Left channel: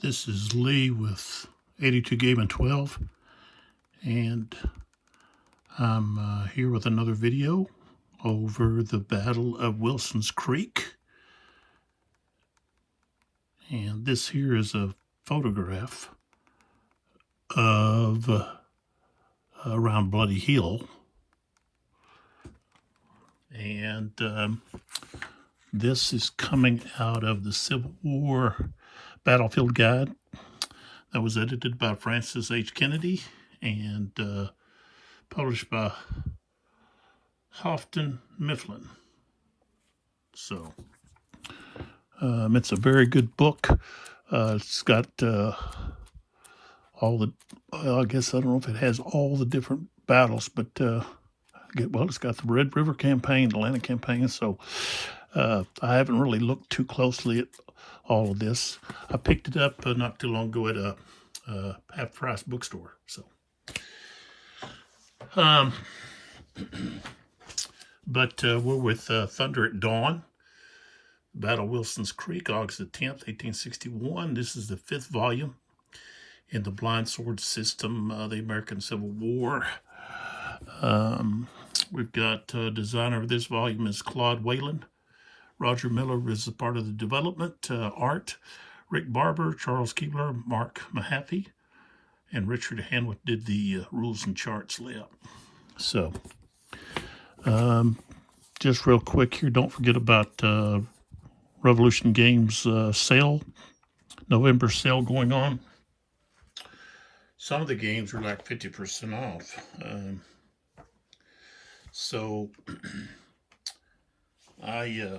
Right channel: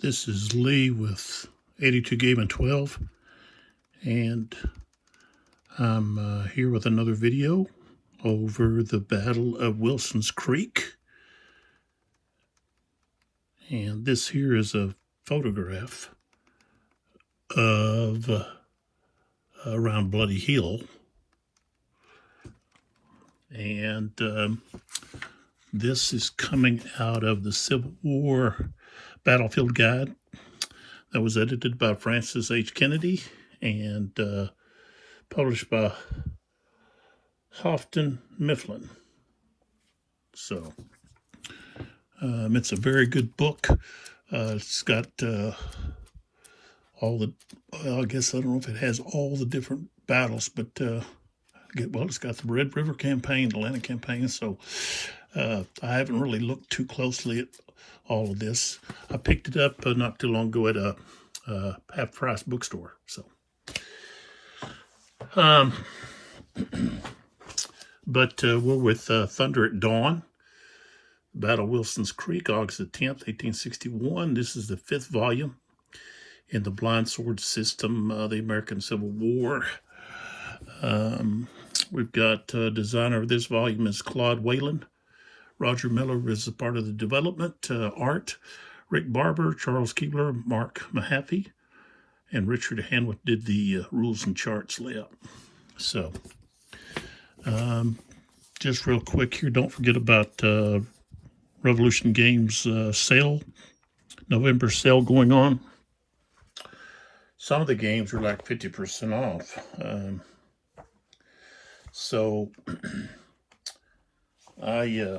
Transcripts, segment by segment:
This is Lee with 82 Game and 12, and I'm here with another video over the Battle of Wilson's Creek. And this here is a photograph of around Bloody Hill. And this is coming out of the Civil War Battlefield Guide that was edited by Francis H. Kennedy and published by Houghton Mifflin. So it's a very good book. It's got all the, I guess I don't know if it has all the different battles, but it's got the Red River Campaign, the Atlanta Campaign, so I haven't really looked too closely at all of this. I picked it up not too long ago at a half-price bookstore. So, we're with Thunder at Dawn, Battle of Wilson's Creek, August the 10th, 1861. This is the 5th volume in the Blind Sword System, the American Civil War. We've got designer of this volume is Claude Whalen. Roger Miller is a part of the development. Art, Rick Barber, Charles Keebler, Mark Mahaffey, and Richard Hanwick did the rules and charts layout. So, just real quick here, don't forget about Revolution Games sale, November sale going on. Some of the games are like 50% off. So I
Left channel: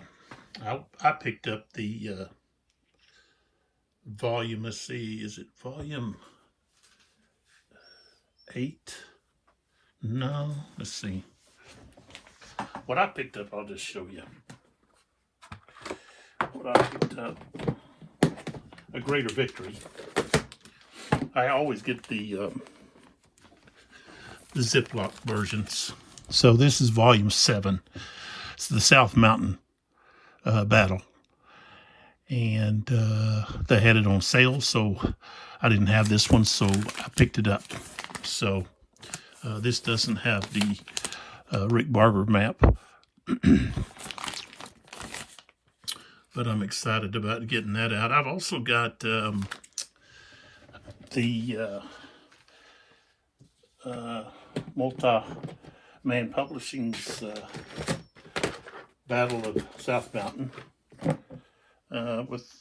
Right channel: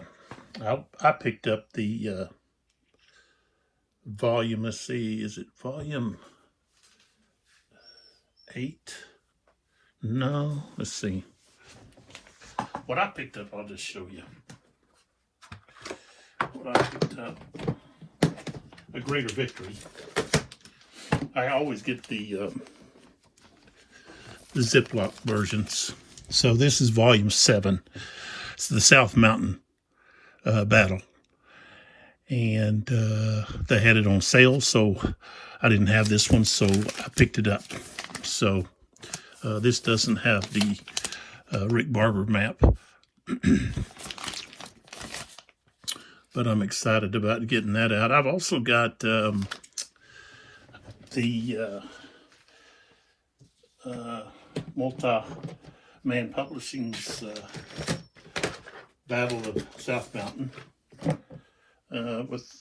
picked up the volume. Let's see, is it volume 8? No, let's see. What I picked up, I'll just show you. What I picked up, A Greater Victory. I always get the Ziploc versions. So this is volume 7. It's the South Mountain battle. And they had it on sale, so I didn't have this one, so I picked it up. So this doesn't have the Rick Barber map. But I'm excited about getting that out. I've also got the Multi-Man Publishing's Battle of South Mountain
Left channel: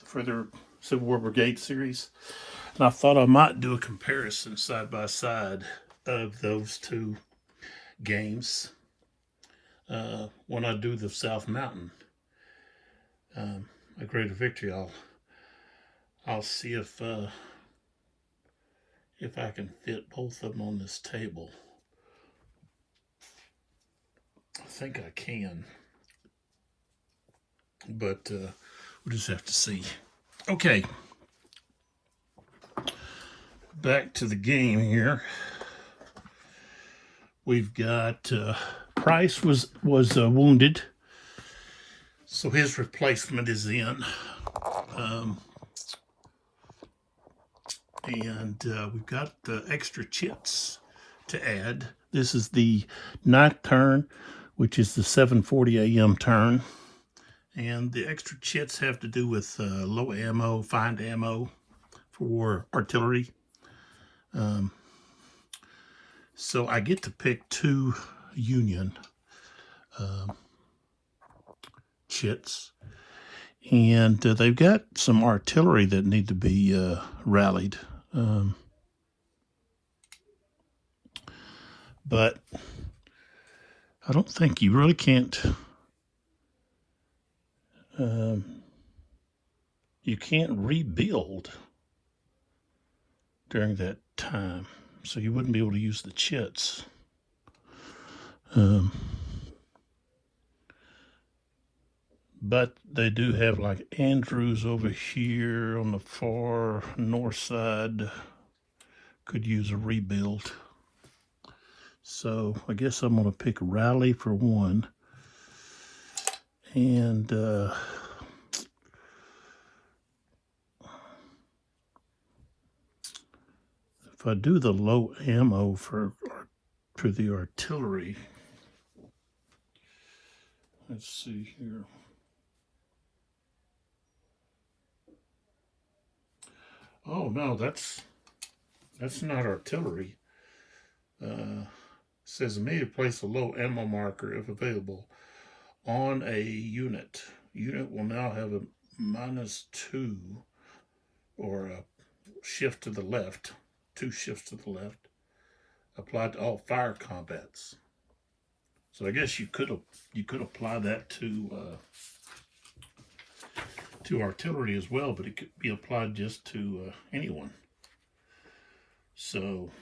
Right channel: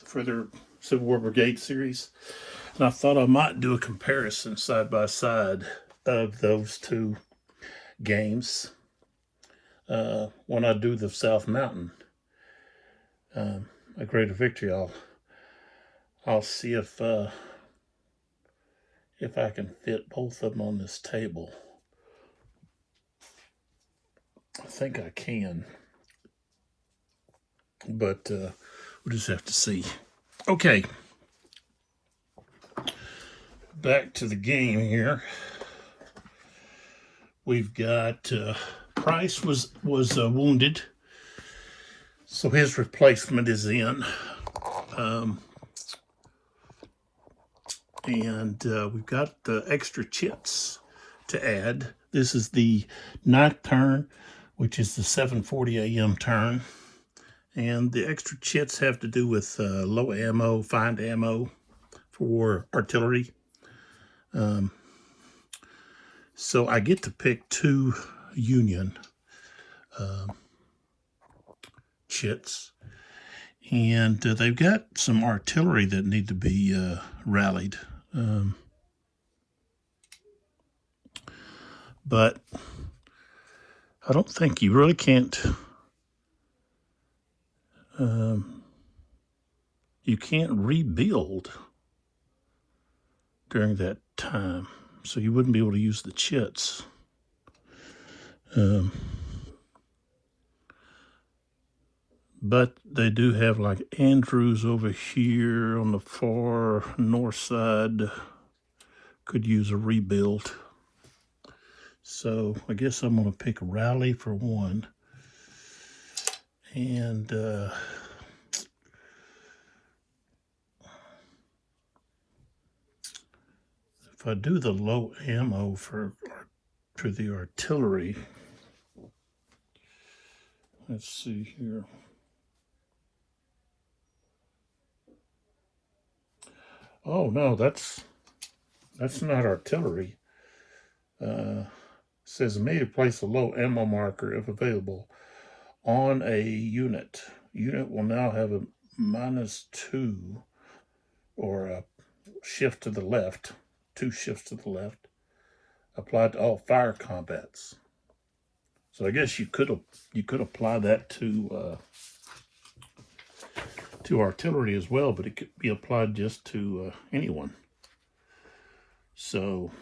for their Civil War Brigade series. And I thought I might do a comparison side by side of those two games when I do the South Mountain. A Greater Victory. I'll see if I can fit both of them on this table. I think I can, but we'll just have to see. Okay, back to the game here. We've got Price was wounded, so his replacement is in. And we've got extra chits to add. This is the 9th turn, which is the 7:40 a.m. turn. And the extra chits have to do with low ammo, find ammo for artillery. So I get to pick 2 Union chits. And they've got some artillery that need to be rallied. But I don't think you really can't, you can't rebuild during that time. So you wouldn't be able to use the chits. But they do have like Andrews over here on the far north side. Could use a rebuild. So I guess I'm going to pick Raleigh for one. And if I do the low ammo for the artillery, let's see here. Oh no, that's not artillery. Says immediately place a low ammo marker if available on a unit. Unit will now have a -2 or a shift to the left, 2 shifts to the left, applied to all fire combats. So I guess you could apply that to artillery as well, but it could be applied just to anyone. So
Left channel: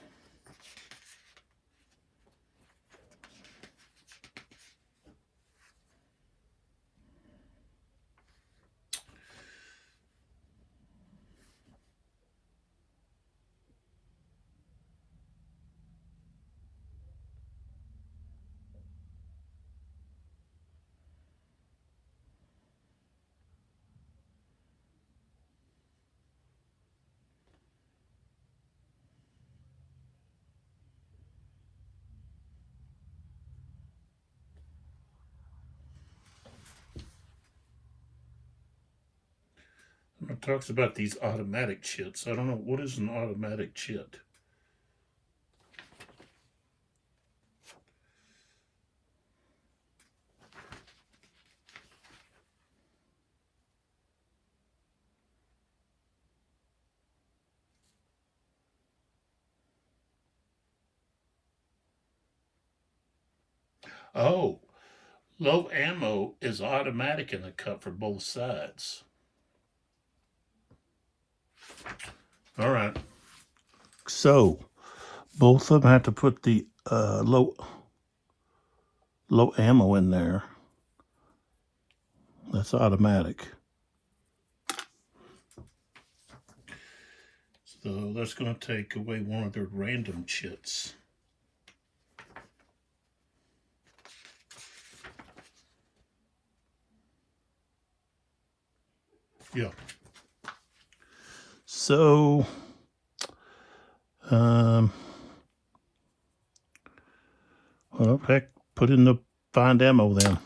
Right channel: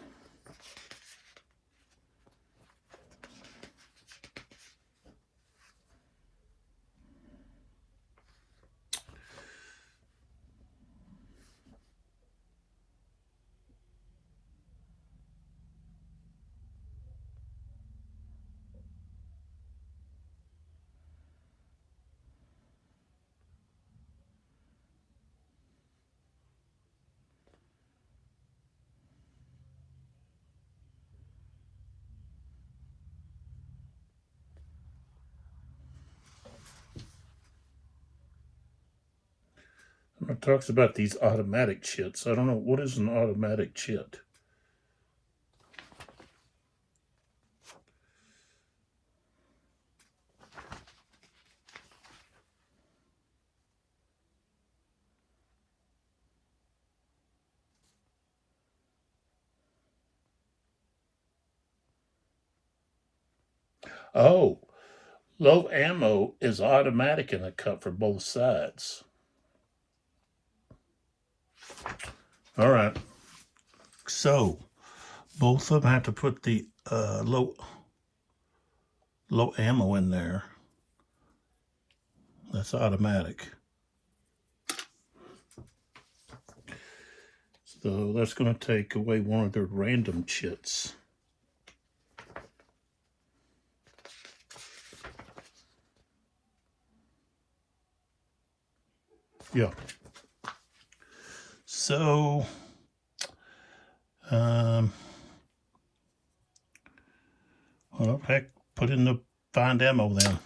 it talks about these automatic chits. I don't know, what is an automatic chit? Oh, low ammo is automatic in the cut for both sides. All right. So both of them have to put the low ammo in there. That's automatic. So that's going to take away one of their random chits. Yeah. So, well, heck, put in the find ammo then.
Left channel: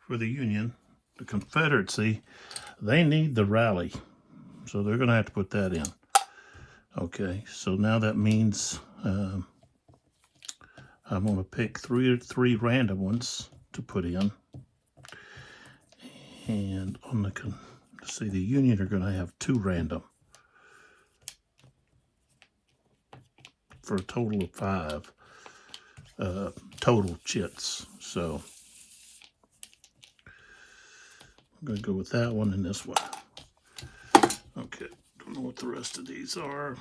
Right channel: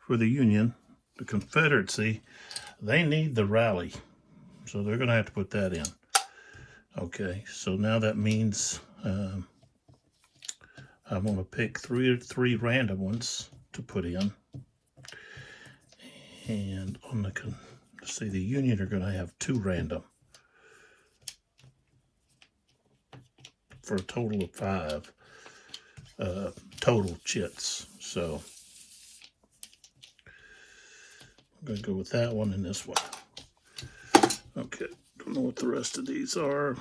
For the Union, the Confederacy, they need the rally. So they're going to have to put that in. Okay, so now that means I'm going to pick three random ones to put in. And on the, see, the Union are going to have 2 random for a total of 5 total chits. So I'm going to go with that one and this one. Okay, don't know what the rest of these are.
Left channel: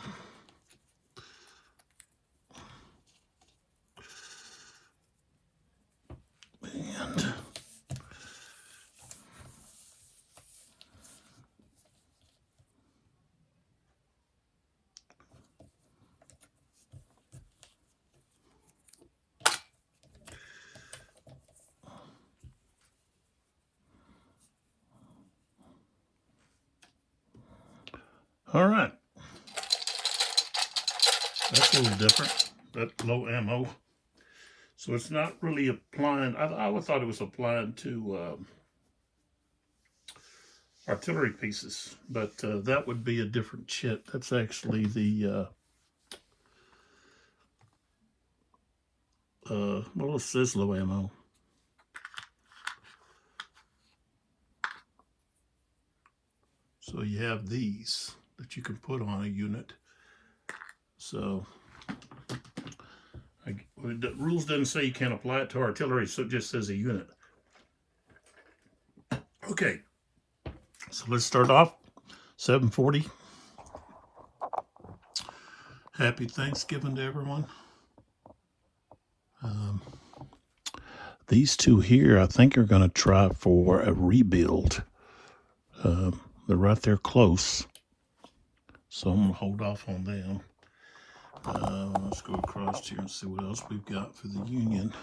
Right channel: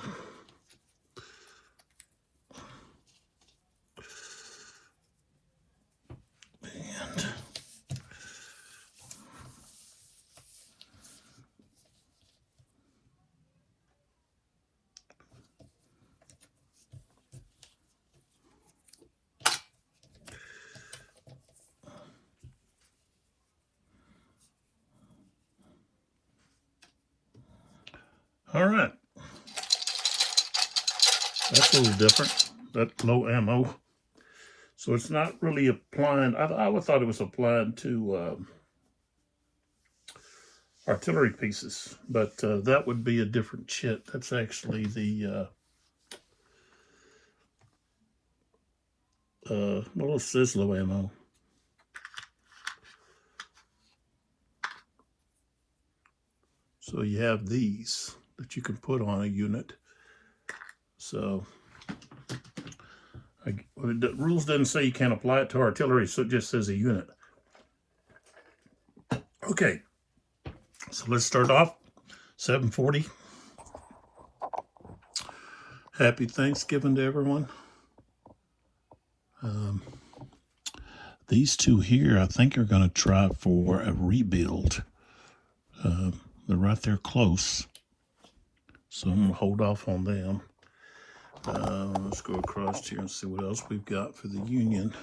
And all right, that's a little different, that low ammo. So it's not really applying, I would thought it was applying to artillery pieces, but that would be a different chit. That's actually the, well, it says low ammo. So you have these that you can put on a unit. So the rules doesn't say you can't apply it to artillery, so it just says a unit. Okay, so let's start off. 740. Happy Thanksgiving to everyone. These 2 here, I think, are going to try for a rebuild. They're right there close, so I'm going to hold off on them. Let's go across here and see what else we've got for the Union.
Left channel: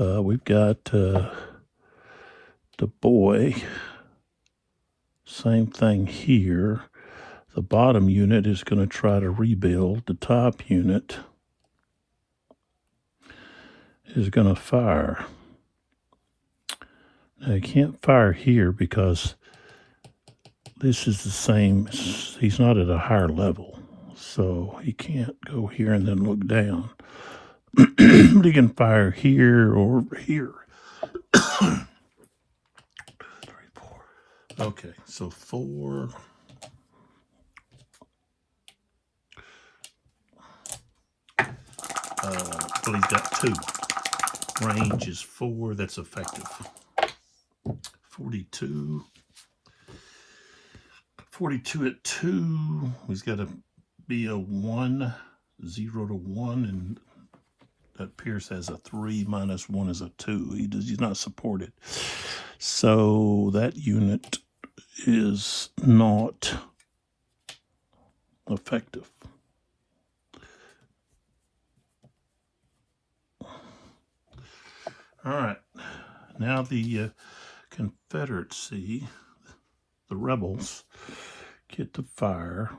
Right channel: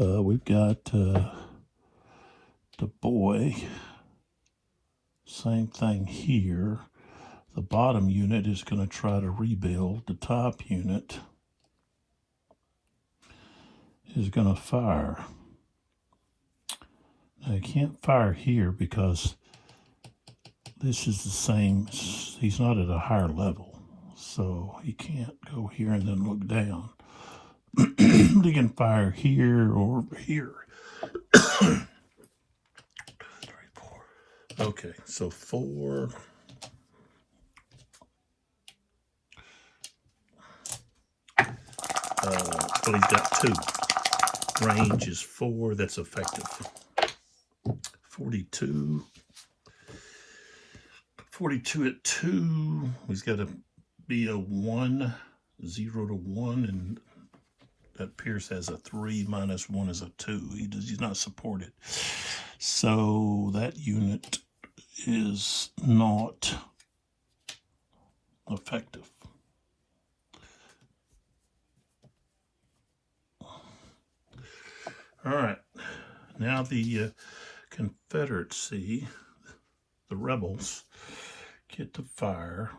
We've got the boy. Same thing here. The bottom unit is going to try to rebuild. The top unit is going to fire. Now, he can't fire here because this is the same. He's not at a higher level, so he can't go here and then look down. But he can fire here or here. 3, 4. Okay, so 4. Well, he's got 2. Range is 4. That's effective. 42. 42 at 2. He's got to be a 1, 0 to 1, and that Pierce has a 3 minus 1 is a 2. He's not supported. So that unit is not effective. All right. Now the Confederacy, the rebels, get to fire.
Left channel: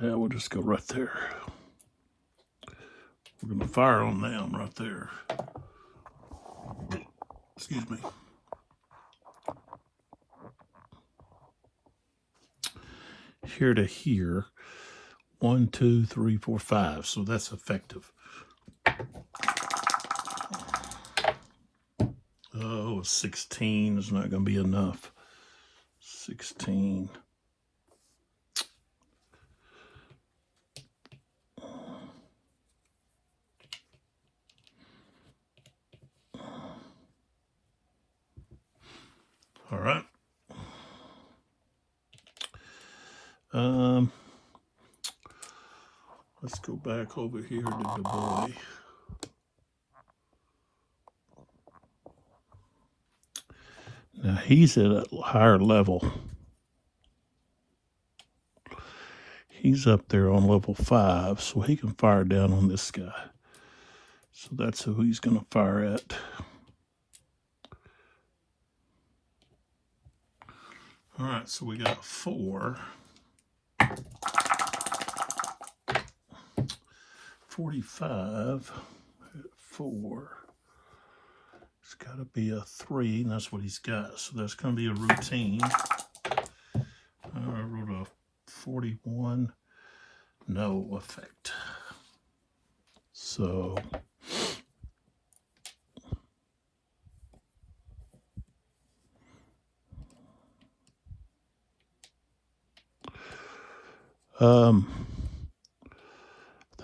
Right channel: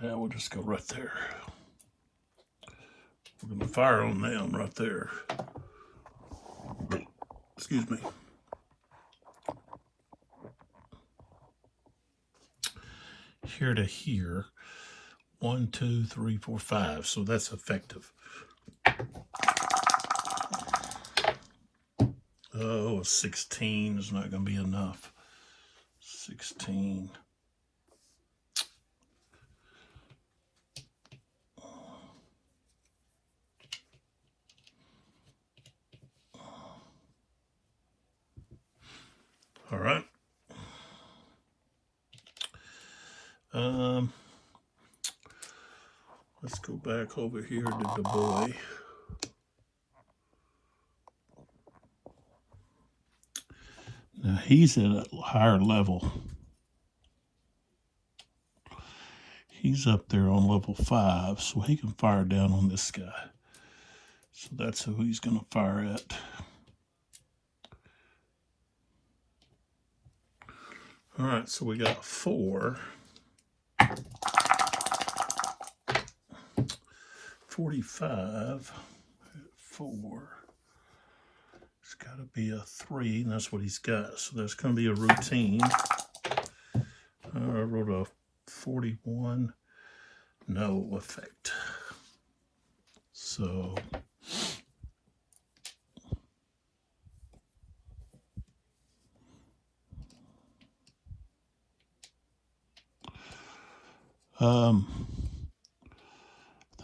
Yeah, we'll just go right there. We're going to fire on them right there. Excuse me. Here to here. 1, 2, 3, 4, 5. So that's effective. Oh, 16 is not going to be enough. 16. All right. Let's go back over here to the boy. Now he's at a higher level. He's up there on level 5, so he can fire down on this guy. So that's who he's going to fire at. All right, so we got 4. 45 at 4. It's got to be a 3, and that's what he's got. So that's going to be a routine. I wrote a 41. No effect. So I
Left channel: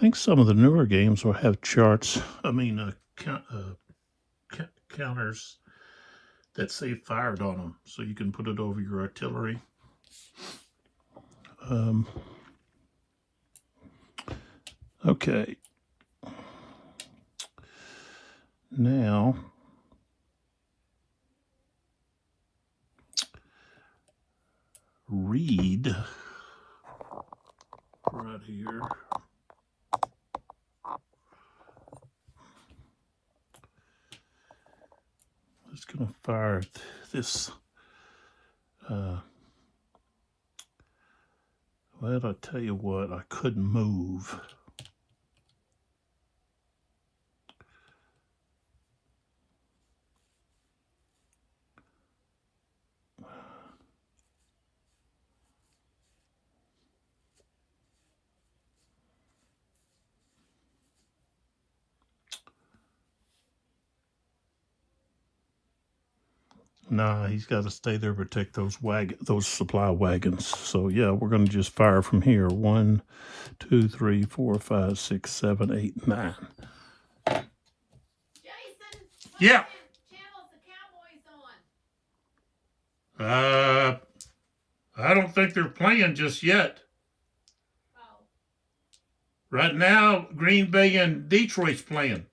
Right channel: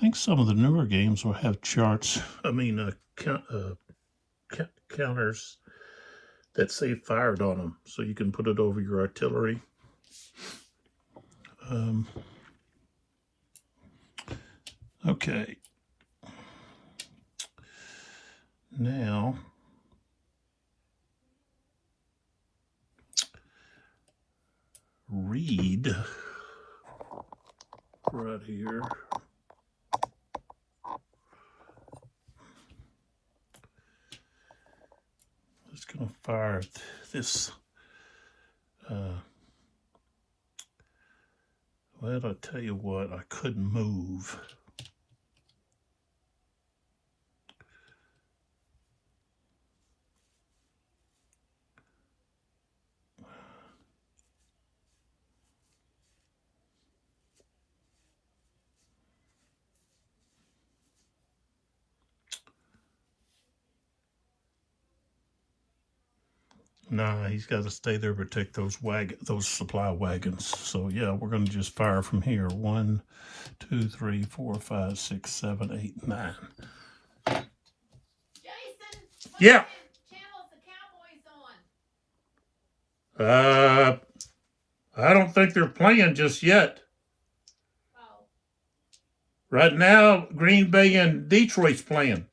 think some of the newer games will have charts. Counters that say fired on them, so you can put it over your artillery. Okay. Now, read right here. Just going to fire this. Well, I'll tell you what, I couldn't move. Nah, he's got to stay there to protect those supply wagons. So yeah, we're going to just fire from here. 1, 2, 3, 4, 5, 6, 7, 8, 9. Jason, Yeah. channel's the Cowboys on? I don't think they're playing just yet. Oh. Right now, Green Bay and Detroit's playing.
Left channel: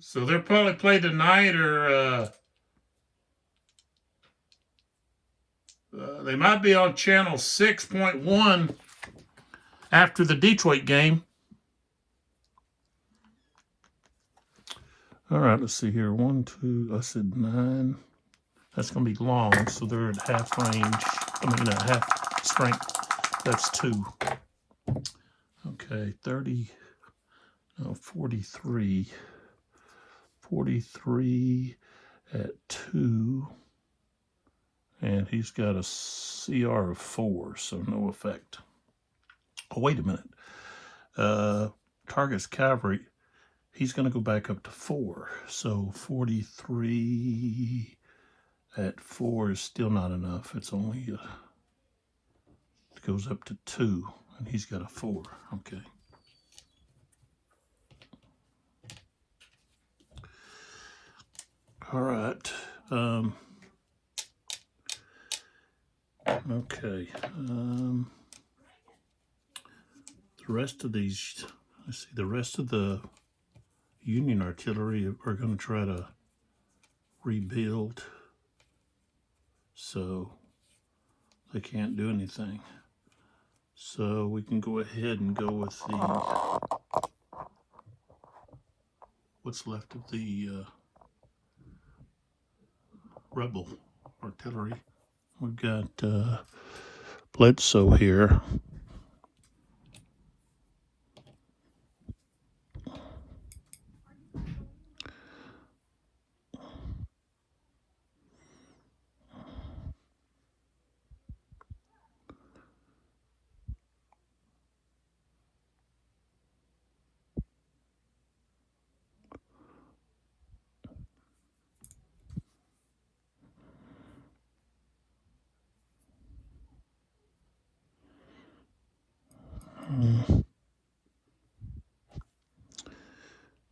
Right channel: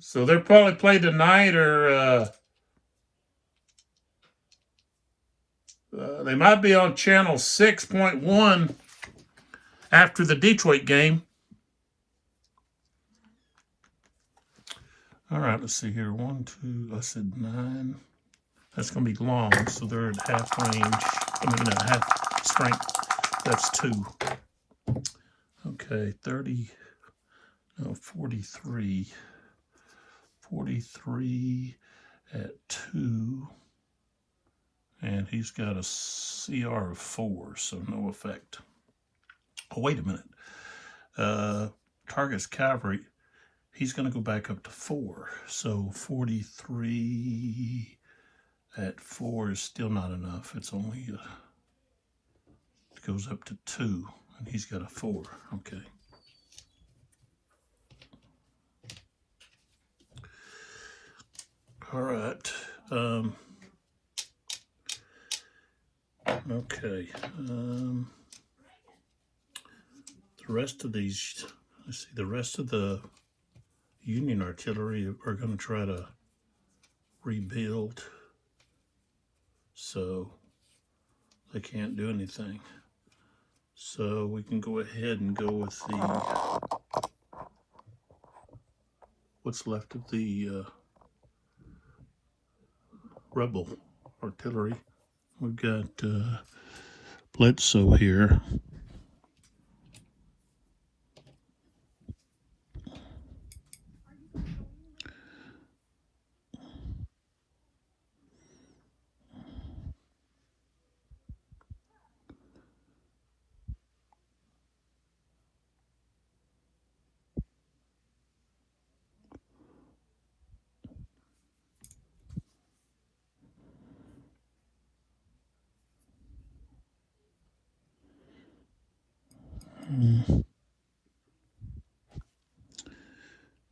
So they'll probably play tonight or They might be on channel 6.1 after the Detroit game. All right, let's see here. 1, 2, I said 9. That's going to be long, so they're at half range. I mean, half strength. That's 2. Okay, 30, no, 43. 43 at 2. And he's got a CR of 4, so no effect. Oh, wait a minute. Target's cavalry, he's going to go back up to 4. So 43 at 4 is still not enough. It's only, it goes up to 2, and he's got a 4. Okay. All right. Okay. The rest of these, let's see, the rest of the Union artillery are going to try to rebuild, so they can't do anything. So we can go ahead and go with the what's left of the rebel artillery. We've got Bledsoe here.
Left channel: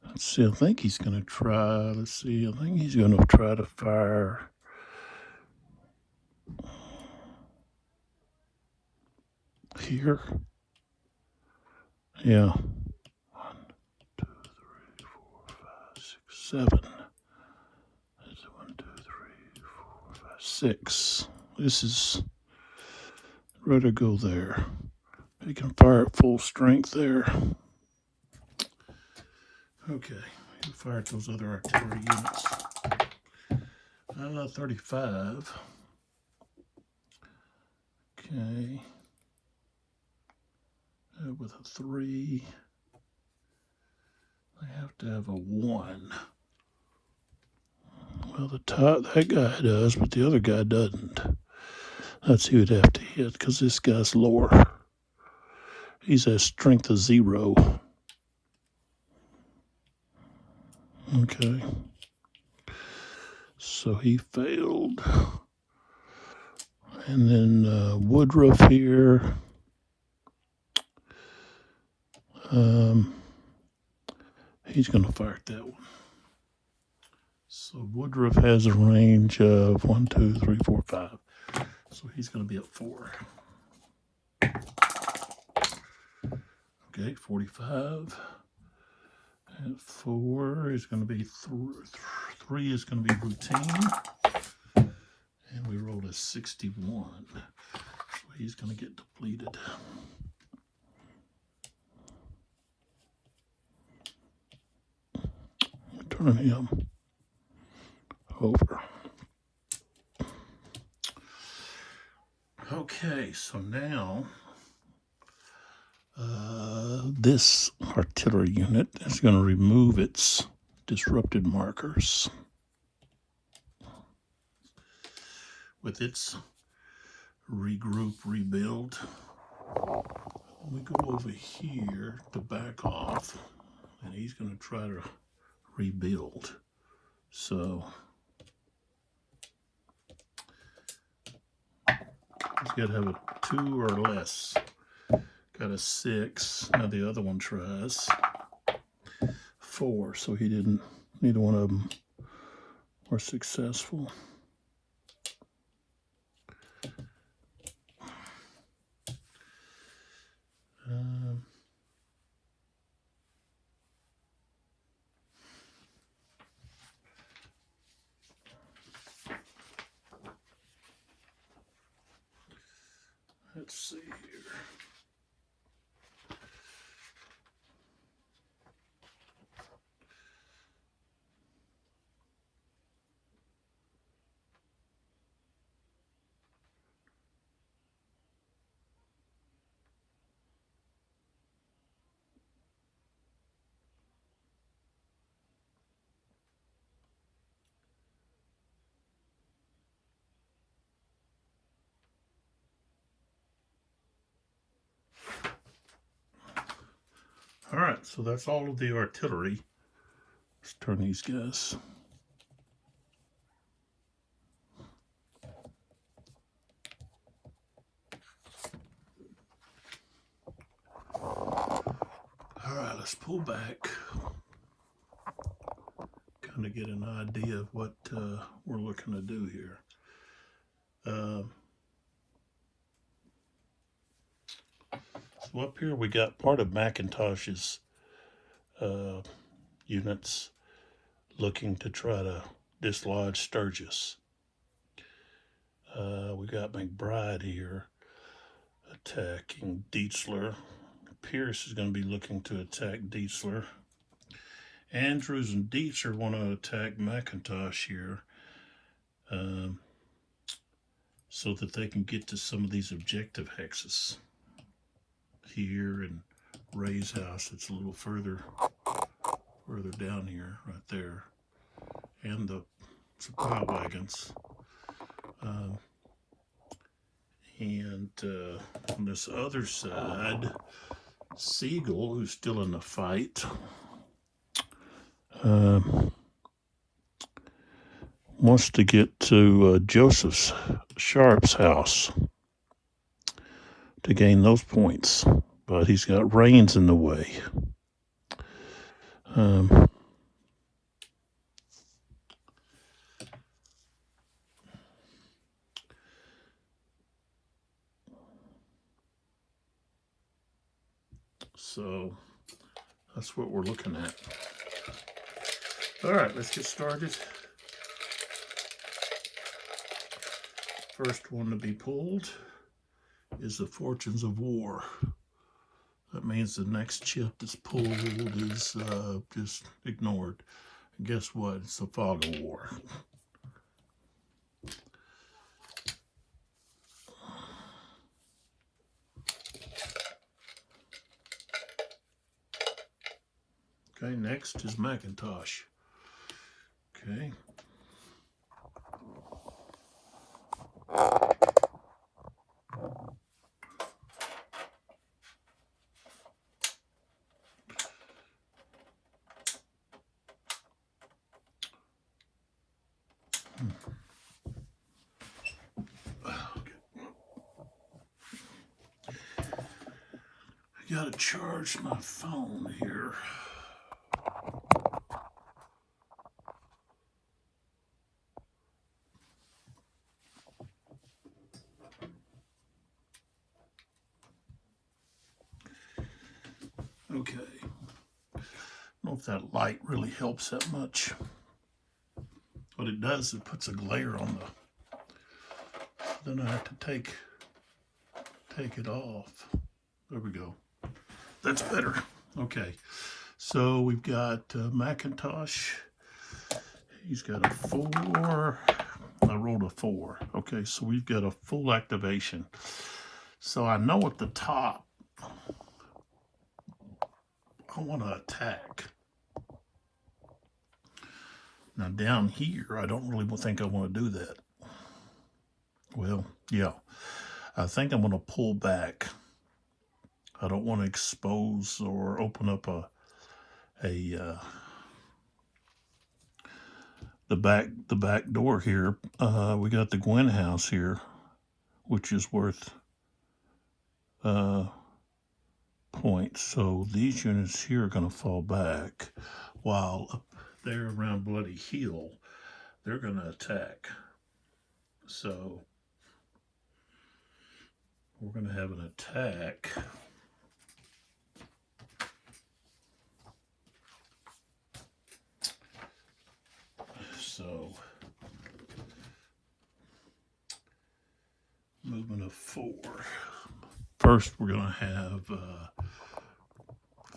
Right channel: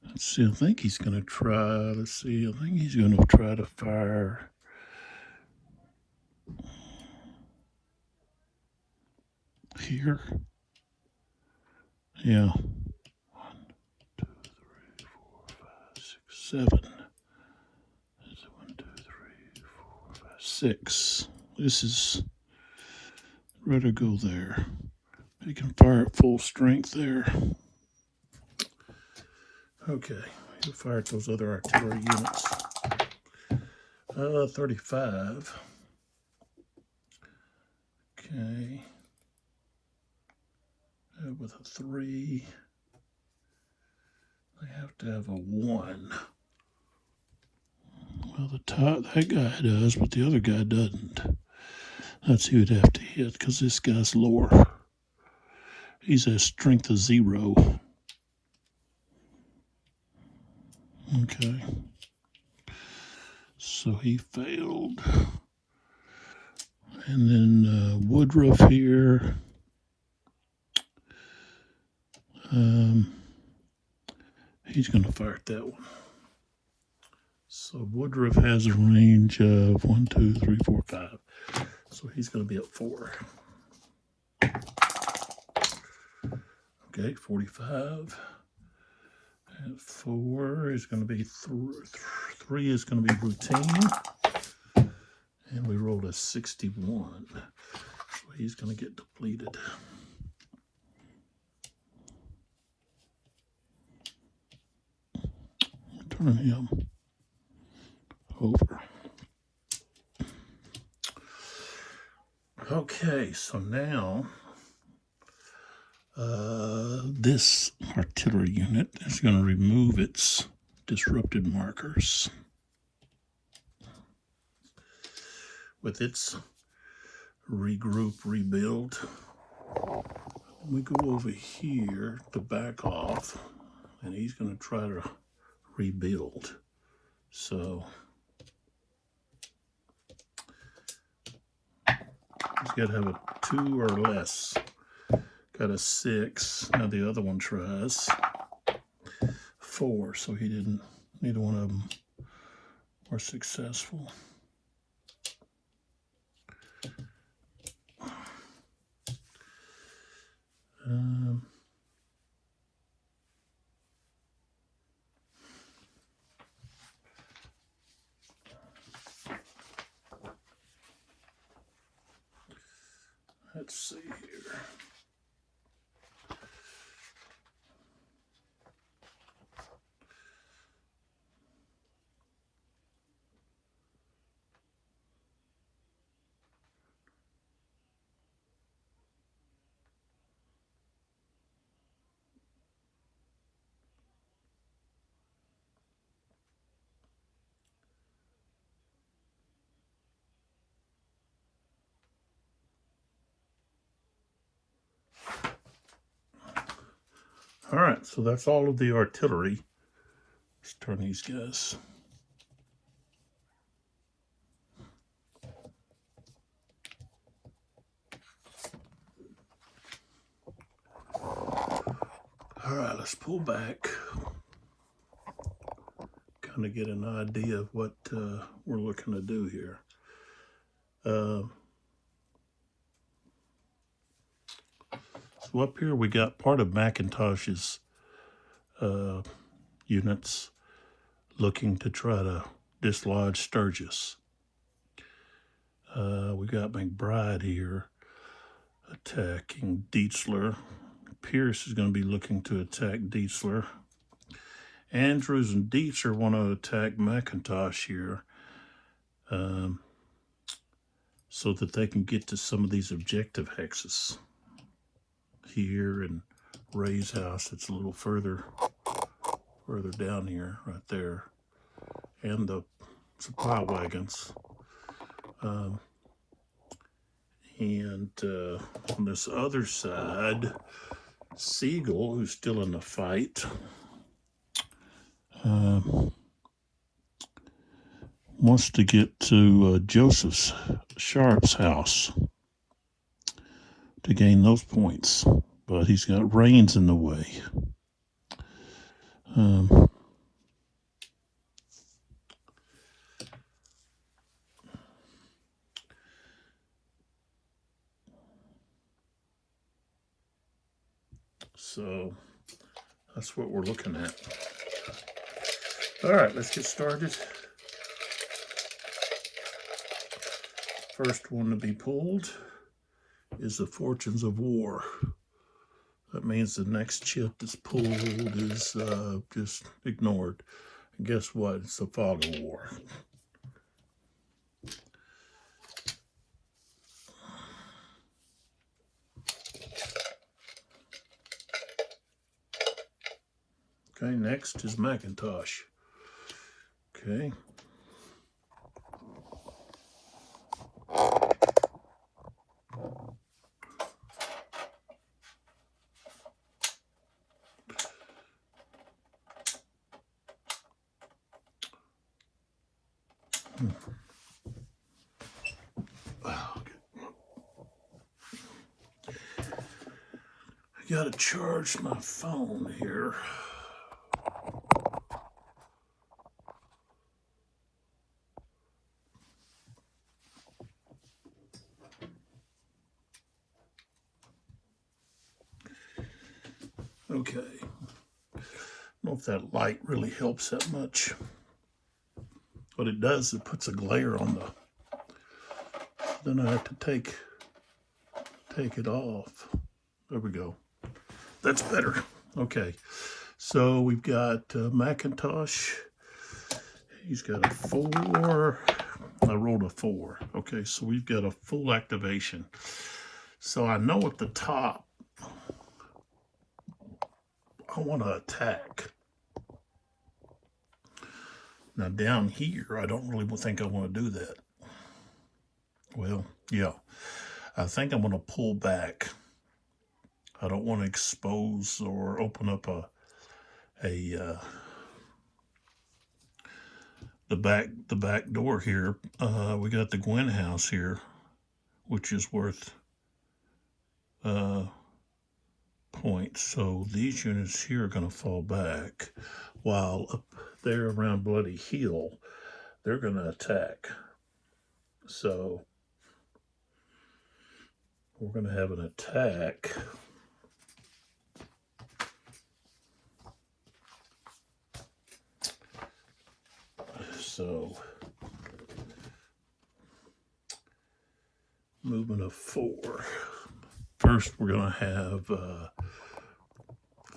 Let's see, I think he's going to try, let's see, I think he's going to try to fire here. Yeah. 1, 2, 3, 4, 5, 6, 7. 1, 2, 3, 4, 5, 6. This is ready to go there. He can fire at full strength there. Okay, he'll fire at those other artillery units. 35. Okay. With a 3. They have to have a 1. Well, that guy does, but the other guy doesn't. That's who would have to hit, because this guy's lower. He's at strength of 0. Okay. So he failed. And then Woodruff here. He's going to fire at that one. So Woodruff has a range of 1, 2, 3, 4, 5. So he's going to be at 4. Okay, 45. At 4 is going to be 3 is going to be routine. And we rolled a 61. So he's going to get depleted. Turn him over. Okay, so now this artillery unit is going to remove its disrupted markers with its regroup, rebuild. We go over here to back off, and he's going to try to rebuild. So he's got to have a 2 or less. Got a 6. Now the other one tries 4, so he didn't. Neither one of them were successful. Let's see here. All right, so that's all of the artillery. Let's turn these guys. All right, let's pull back. Kind of get an idea of what we're looking to do here. So up here we got part of McIntosh's units looking to try to dislodge Sturgis. We got McBride here attacking Dietzler. Pierce is going to be looking to attack Dietzler. Andrews and Dietzer want to attack McIntosh here so that they can get to some of these objective hexes here, and Ray's house. It's a little further down here, right there, and the supply wagons. And on this other side, Siegel, who's still in the fight, wants to get to Joseph Sharp's house to gain those points, but he's got Rains in the way. So that's what we're looking at. All right, let's get started. First one to be pulled is the Fortunes of War. That means the next chip that's pulled is just ignored. And guess what? It's the Fog of War. Okay, next is McIntosh. Okay. I gotta charge my phone here. Okay. I don't know if that light really helps that much. What it does, it puts a glare on the, then I have to take it off. There we go. That's better. Okay. So we've got McIntosh. He's got a 4. I rolled a 4. Okay, so we've got a full activation. So I know at the top, I want to attack. Now down here, I don't really think I want to do that. Well, yeah. I think I'm going to pull back. I don't want to expose or open up the back door here. We got the Gwen house here, which is worth points. So these units here are going to fall back, while up there around Bloody Hill, they're going to attack. So we're going to have an attack. So movement of 4. first we're going to have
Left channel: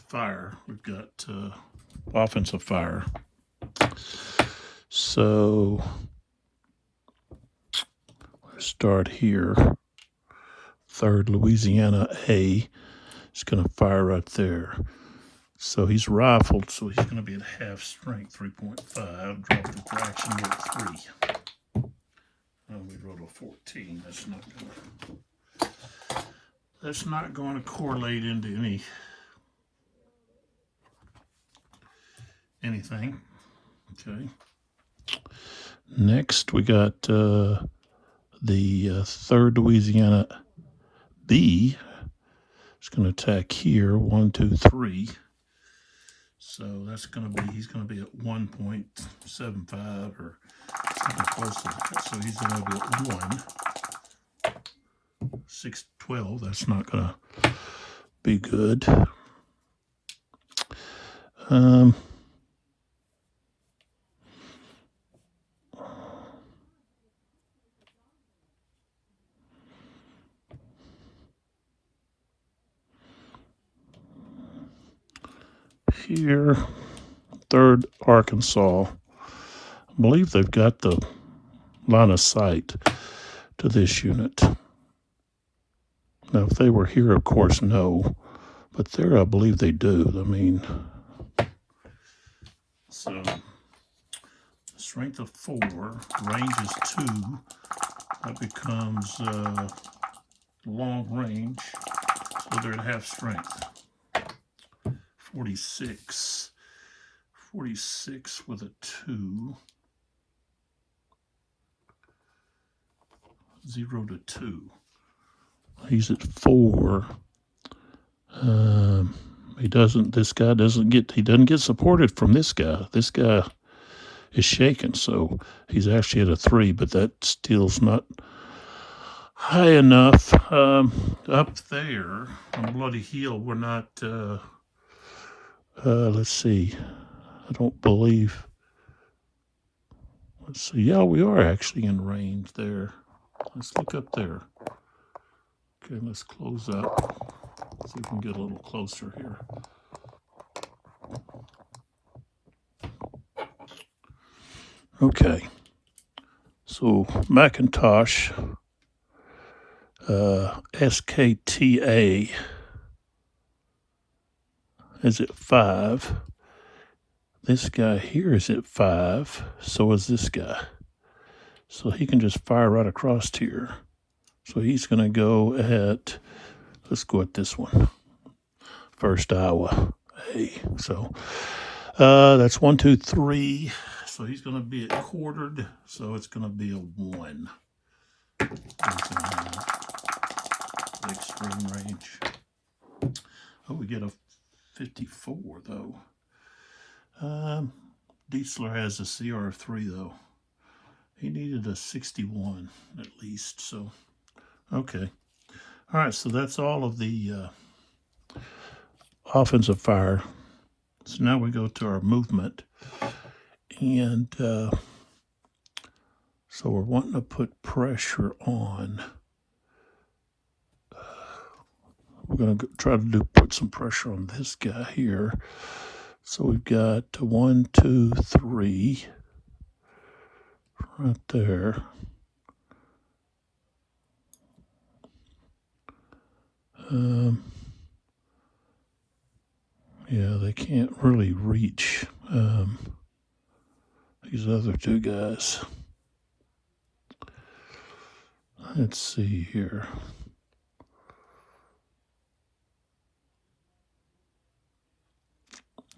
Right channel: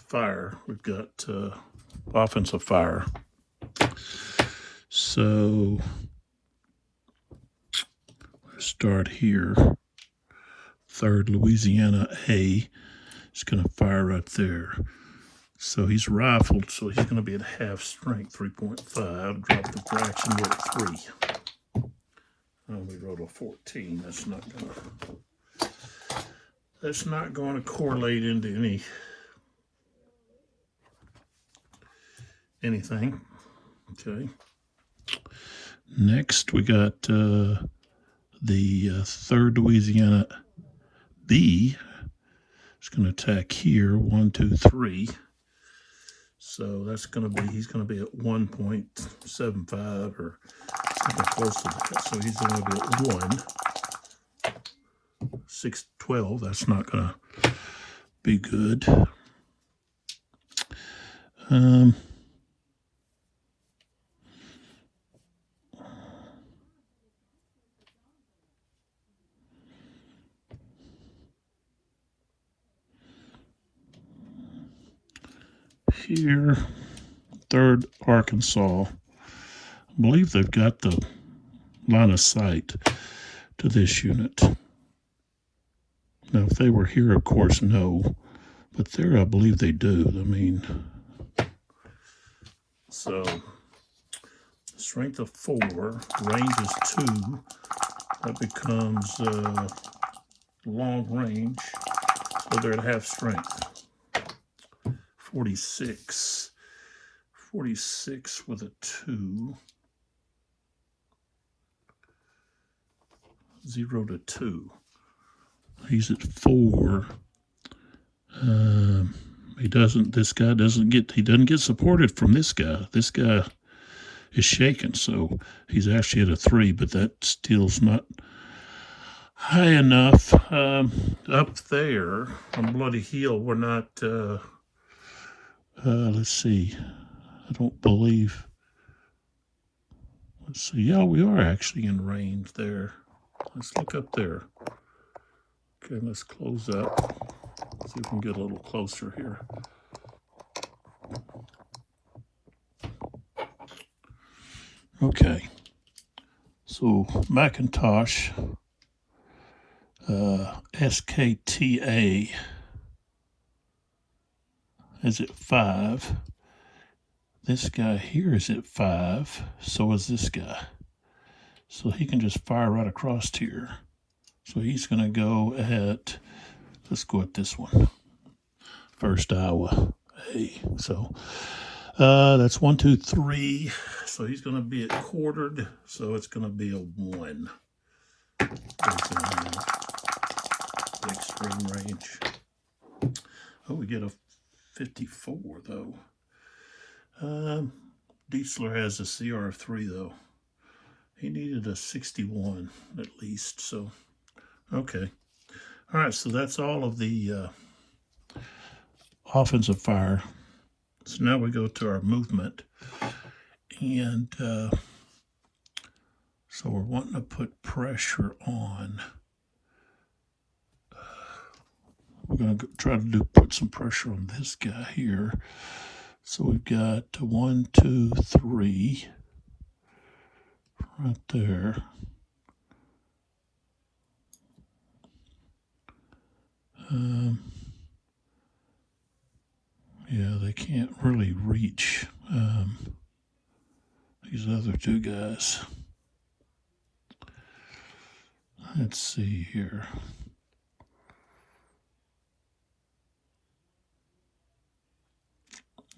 fire. We've got offensive fire. So let's start here. 3rd Louisiana A is going to fire right there. So he's rifled, so he's going to be at half strength, 3.5. Drop the fraction, we're at 3. Oh, we wrote a 14. That's not going to correlate into anything. Okay. Next, we got the 3rd Louisiana B. It's going to attack here, 1, 2, 3. So that's going to be, he's going to be at 1.75 or something close to that. So he's going to be at 1. 6, 12. That's not going to be good. Here, 3rd Arkansas. I believe they've got the line of sight to this unit. Now, if they were here, of course, no. But there, I believe they do. I mean, so strength of 4, range is 2. That becomes long range. So they're at half strength. 46. 46 with a 2. 0 to 2. He's at 4. He doesn't get supported from this guy. This guy is shaken, so he's actually at a 3, but that still's not high enough. Up there on Bloody Hill, we're not, let's see, I don't believe, let's see, yeah, we are actually in range there. Let's look up there. Okay, let's close up. See if we can get a little closer here. Okay, so Macintosh, SKTA is at 5. This guy here is at 5. So is this guy. So he can just fire right across here. So he's going to go at, let's go at this one. 1st Iowa A. So that's 1, 2, 3. So he's going to be at quartered. So it's going to be a 1. Extreme range. Oh, we get a 54 though. Diesler has a CR3 though. He needed a 61 at least. So, okay. All right. So that's all of the offensive fire. So now we go to our movement, and so we're wanting to put pressure on. We're going to try to put some pressure on this guy here. So we've got 1, 2, 3 right there. Yeah, they can't really reach these other 2 guys. Let's see here.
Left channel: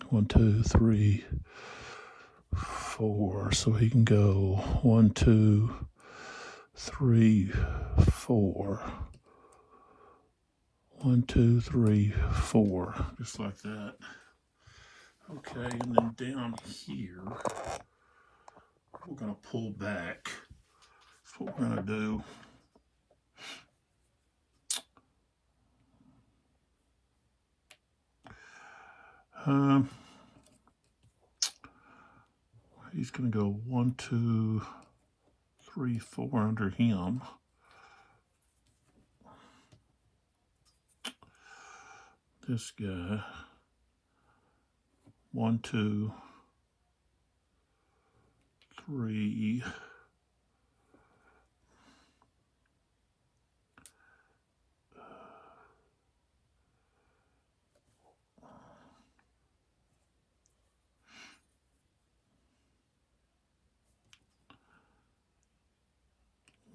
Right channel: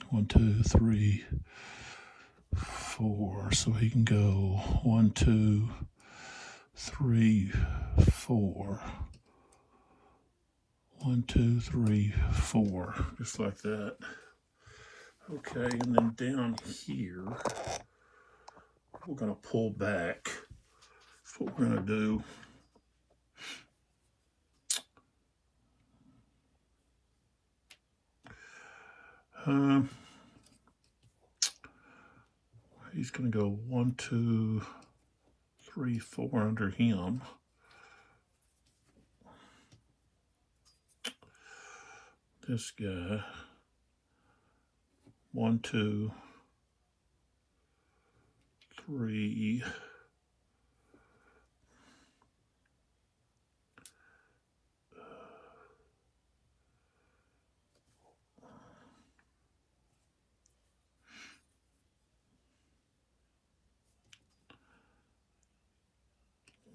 1, 2, 3, 4. So he can go 1, 2, 3, 4. 1, 2, 3, 4. Just like that. Okay, and then down here, we're going to pull back. That's what we're going to do. He's going to go 1, 2, 3, 4 under him. this guy. 1, 2, 3.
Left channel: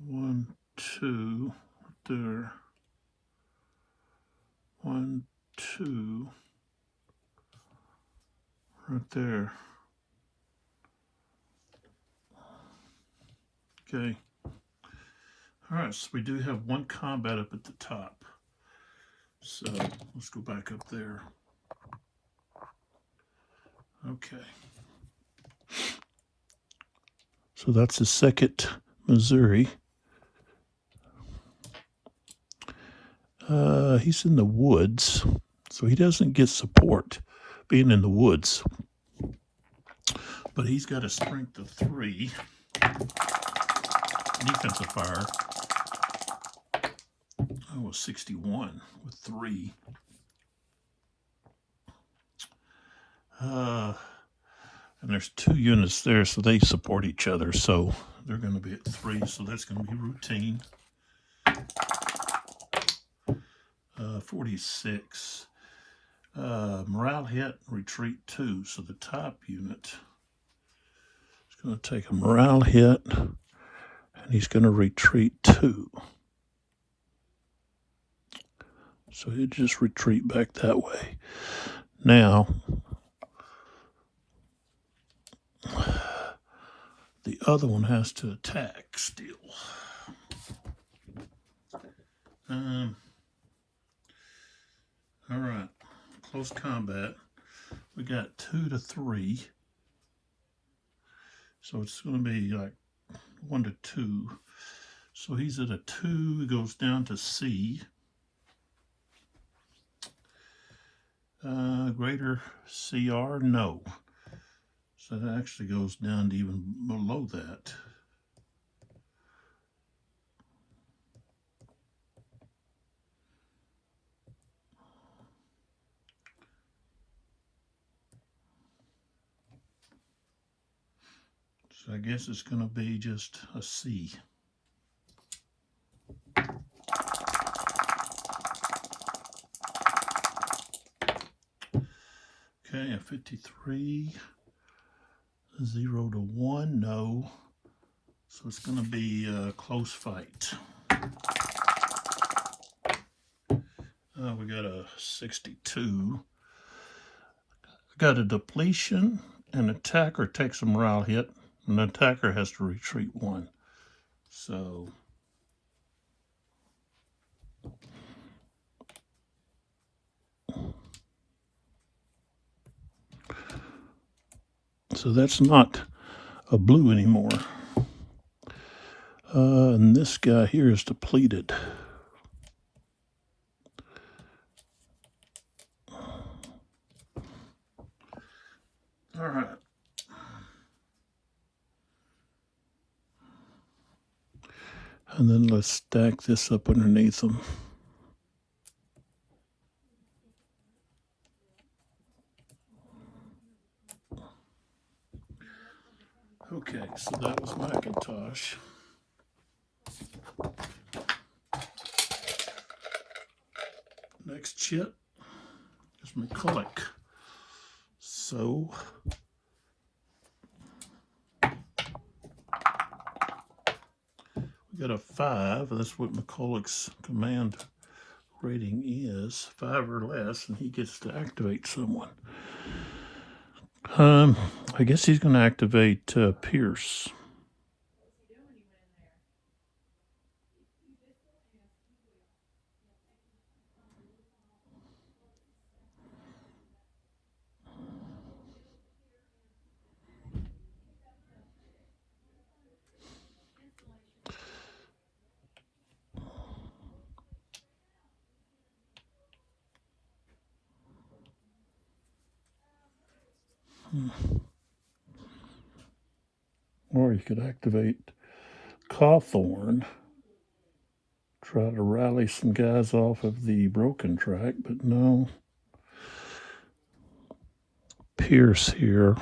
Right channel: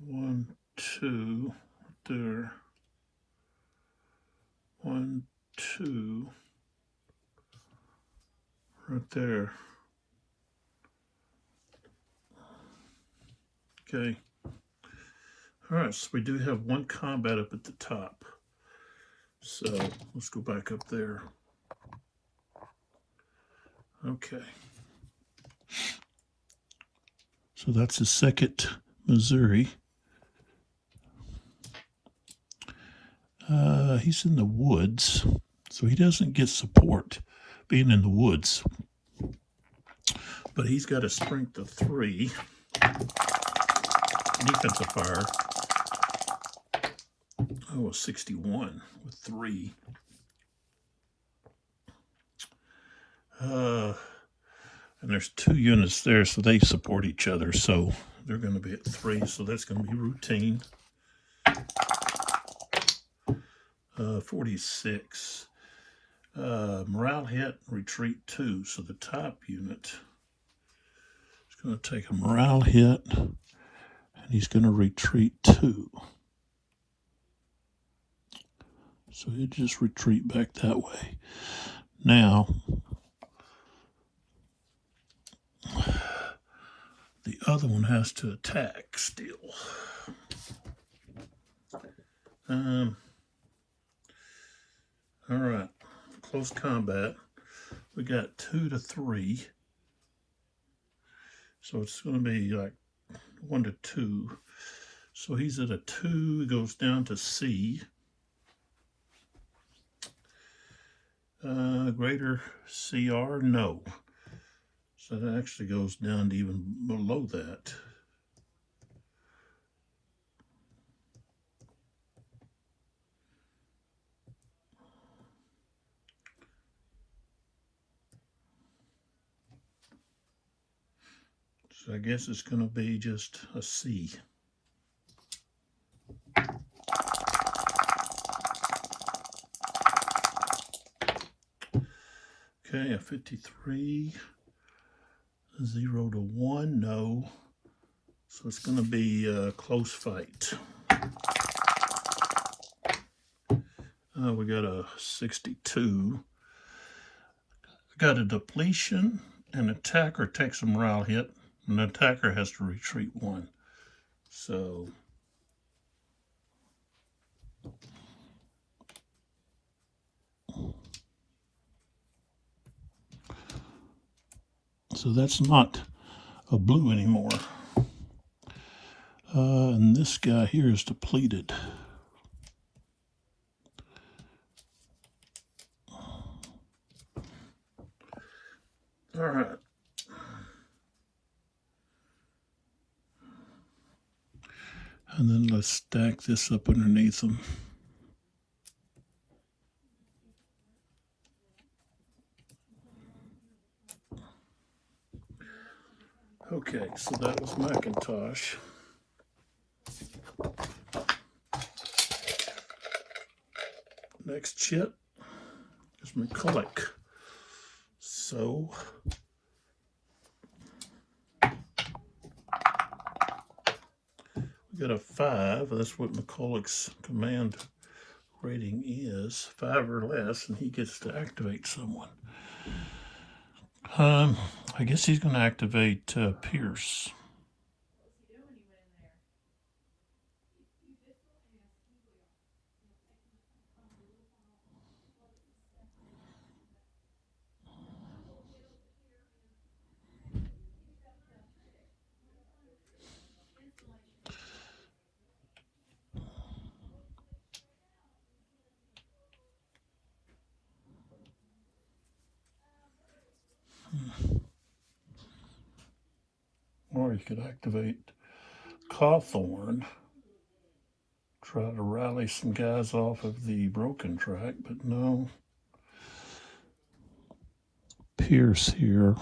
One, two, there. 1, 2, right there. Okay. All right, so we do have one combat up at the top. So let's go back up there. Okay. So that's the 2nd Missouri. He's in the woods, so he doesn't get support being in the woods. But he's got a strength of 3. Defensive fire. Oh, a 61 with 3. And there's 2 units there, so they support each other. So they're going to be at 3, so that's going to be routine. 46. Morale hit, retreat 2. So the top unit is going to take a morale hit, and he's going to retreat 2. So he'll just retreat back that way. Now, the other one has to attack still. All right, close combat. We got 2 to 3. So it's going to be like 1 to 2. So he's at a 2, he goes down to C. Greater CR, no. So that actually goes down to even below that. So I guess it's going to be just a C. Okay, a 53, 0 to 1, no. So it's going to be a close fight. We got a 62. Got a depletion. An attacker takes a morale hit. An attacker has to retreat 1. So that's not a blue anymore. And this guy here is depleted. All right. And then let's stack this up underneath them. Okay, so that was Macintosh. Next chip is McCulloch. So we got a 5. That's what McCulloch's command rating is. 5 or less, and he gets to activate someone. I guess he's going to activate Pierce. Or he could activate Cawthorn, try to rally some guys off of the broken track, but no. Pierce here.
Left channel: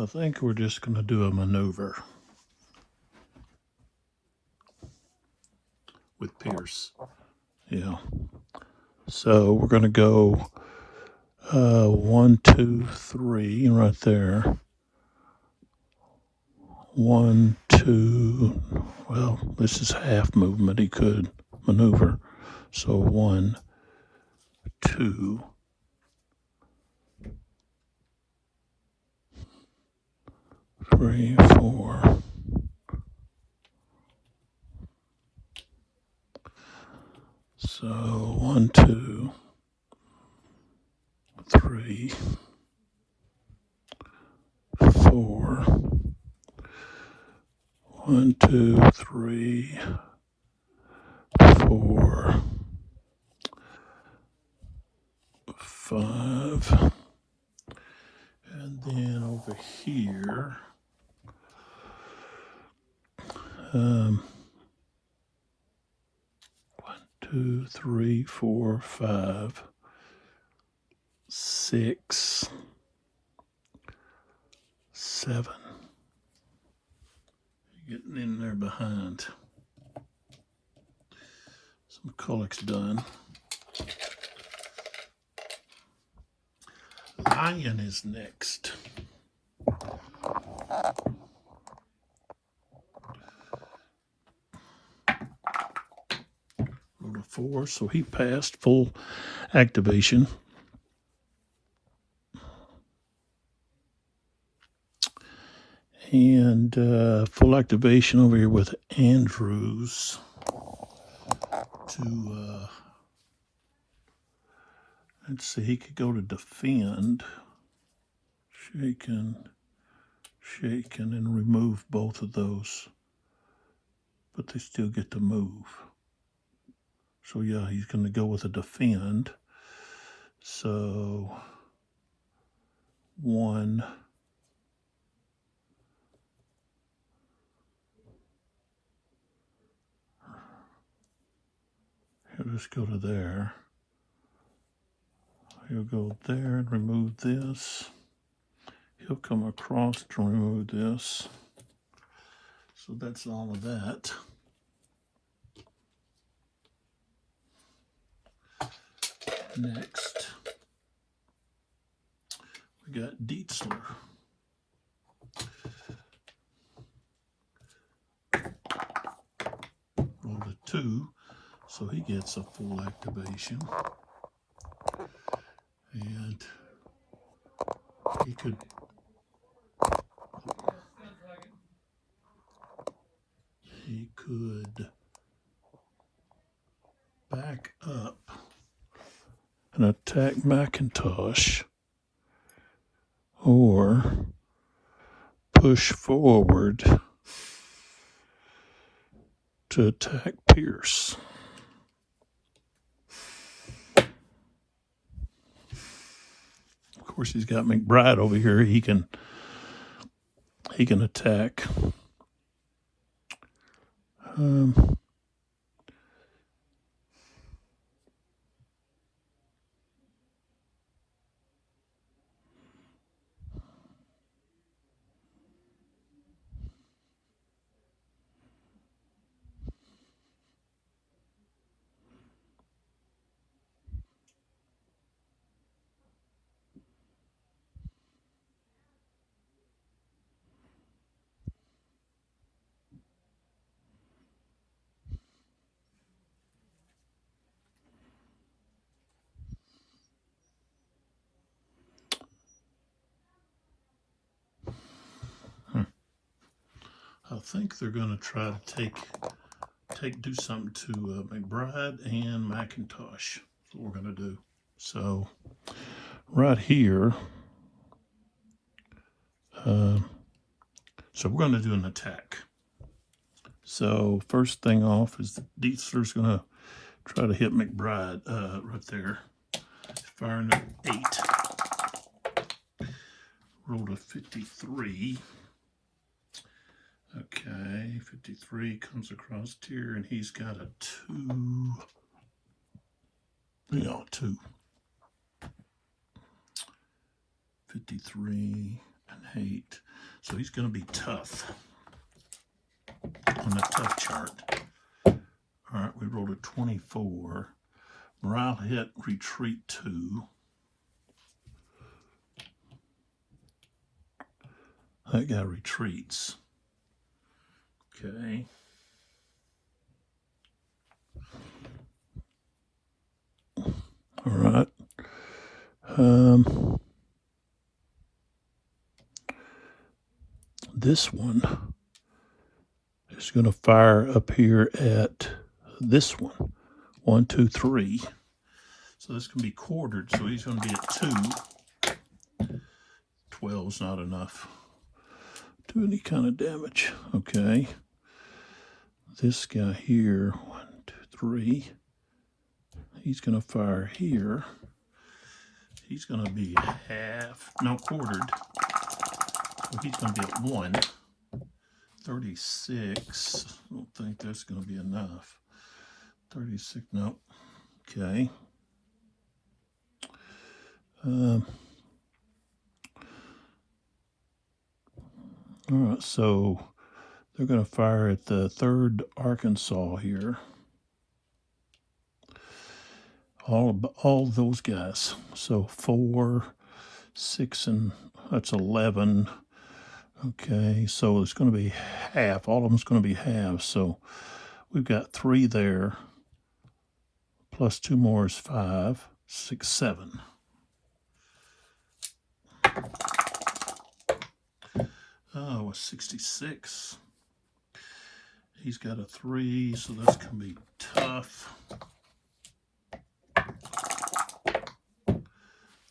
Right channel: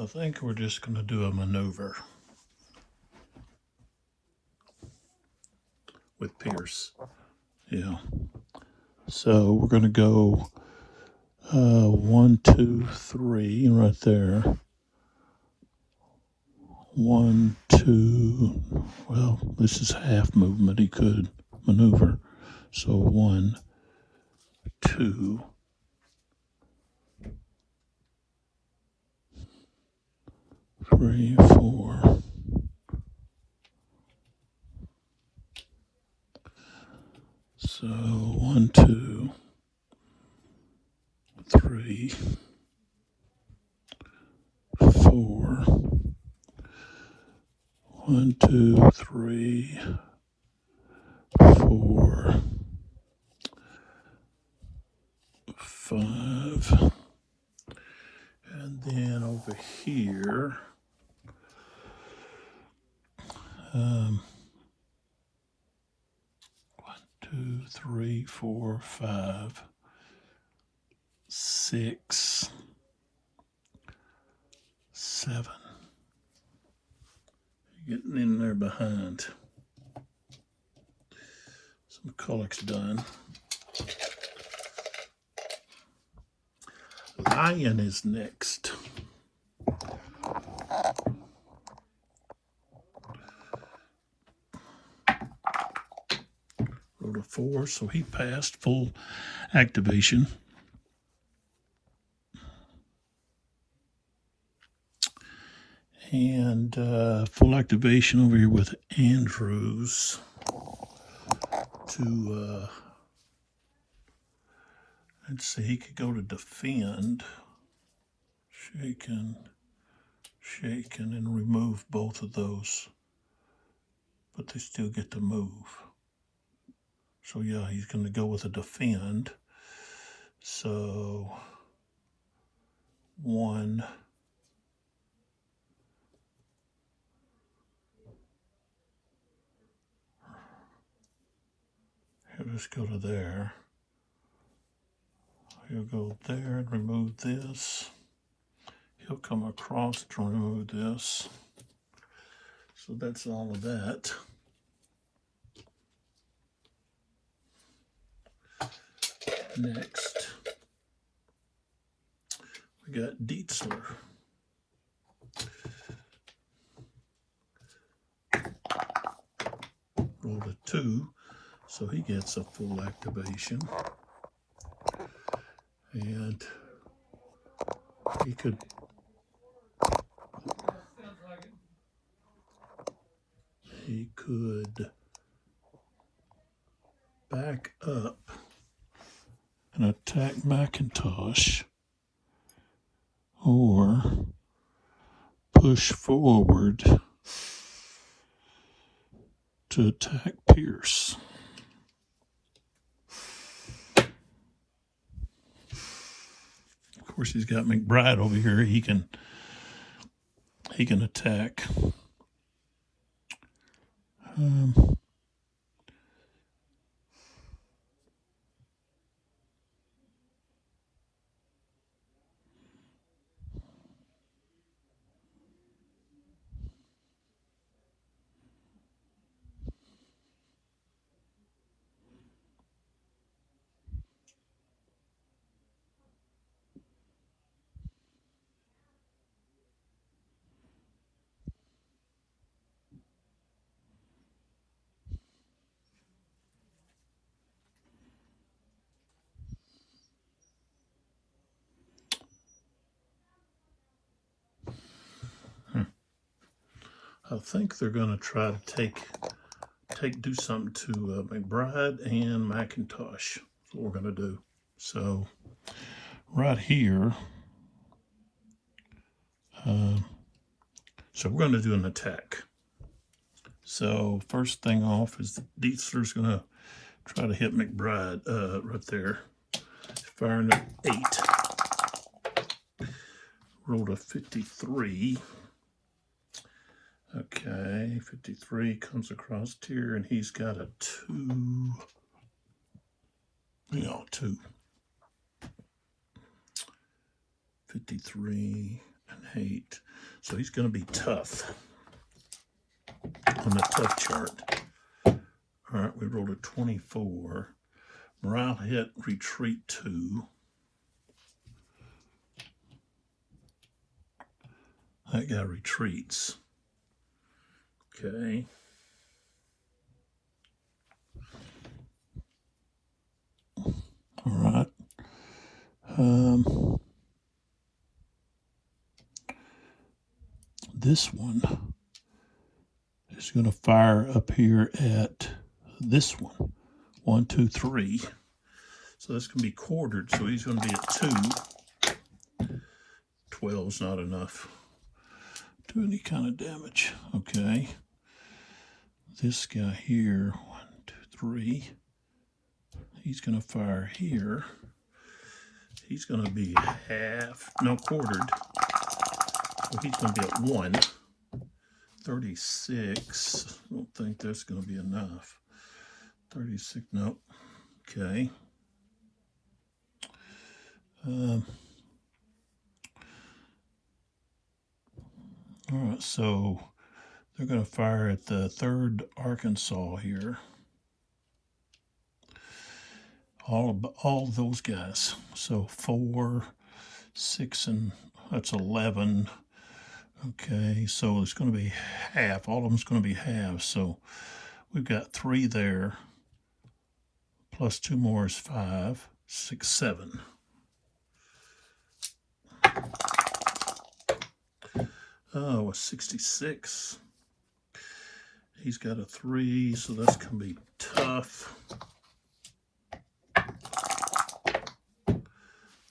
I think we're just going to do a maneuver with Pierce. Yeah. So we're going to go 1, 2, 3 right there. 1, 2. Well, this is half movement. He could maneuver. So 1, 2, 3, 4. So 1, 2, 3, 4. 1, 2, 3, 4, 5. And then over here, 1, 2, 3, 4, 5, 6, 7. Getting in there behind. So McCulloch's done. Lion is next. Rolled a 4, so he passed full activation. And full activation over here with Andrews to, let's see, he could go to defend. Shaken, and remove both of those. But they still get to move. So yeah, he's going to go with a defend. So 1. He'll just go to there. He'll go there and remove this. He'll come across to remove this. So that's all of that. Next, we got Dietzler. Rolled a 2, so he gets a full activation. And he could back up and attack McIntosh, or push forward to attack Pierce. Of course, he's got McBride over here. He can attack. I think they're going to try to do something to McBride and McIntosh. That's what we're going to do. So right here, So we're going to do an attack. So first thing off is Dietzler's going to try to hit McBride right there. Firing at 8. Rolled a 53. Okay, 53 comes across here, and he's got a 2. No, 2. 53 and 8. So he's going to be tough on the tough chart. All right, we rolled a 24. Morale hit, retreat 2. That guy retreats. Okay. All right. This one is going to fire up here at this one. 1, 2, 3. So that's going to be quartered. So he's going to be at 2. 12's not enough to do any kind of damage. Okay. This guy here, 1, 2, 3. He's going to fire here. He's going to be quartered. So he's going to be at 1. 36. I don't think that's going to be enough. 36, no. Okay. All right, so they're going to fire at the 3rd Arkansas here. All those guys. So 4, 6, and that's 11. Okay, so it's going to be half. All of them's going to be half. So we've got 3 there. Plus 2 more is 5, 6, 7. Oh, a 66. He's got a 3, so that's going to be tough.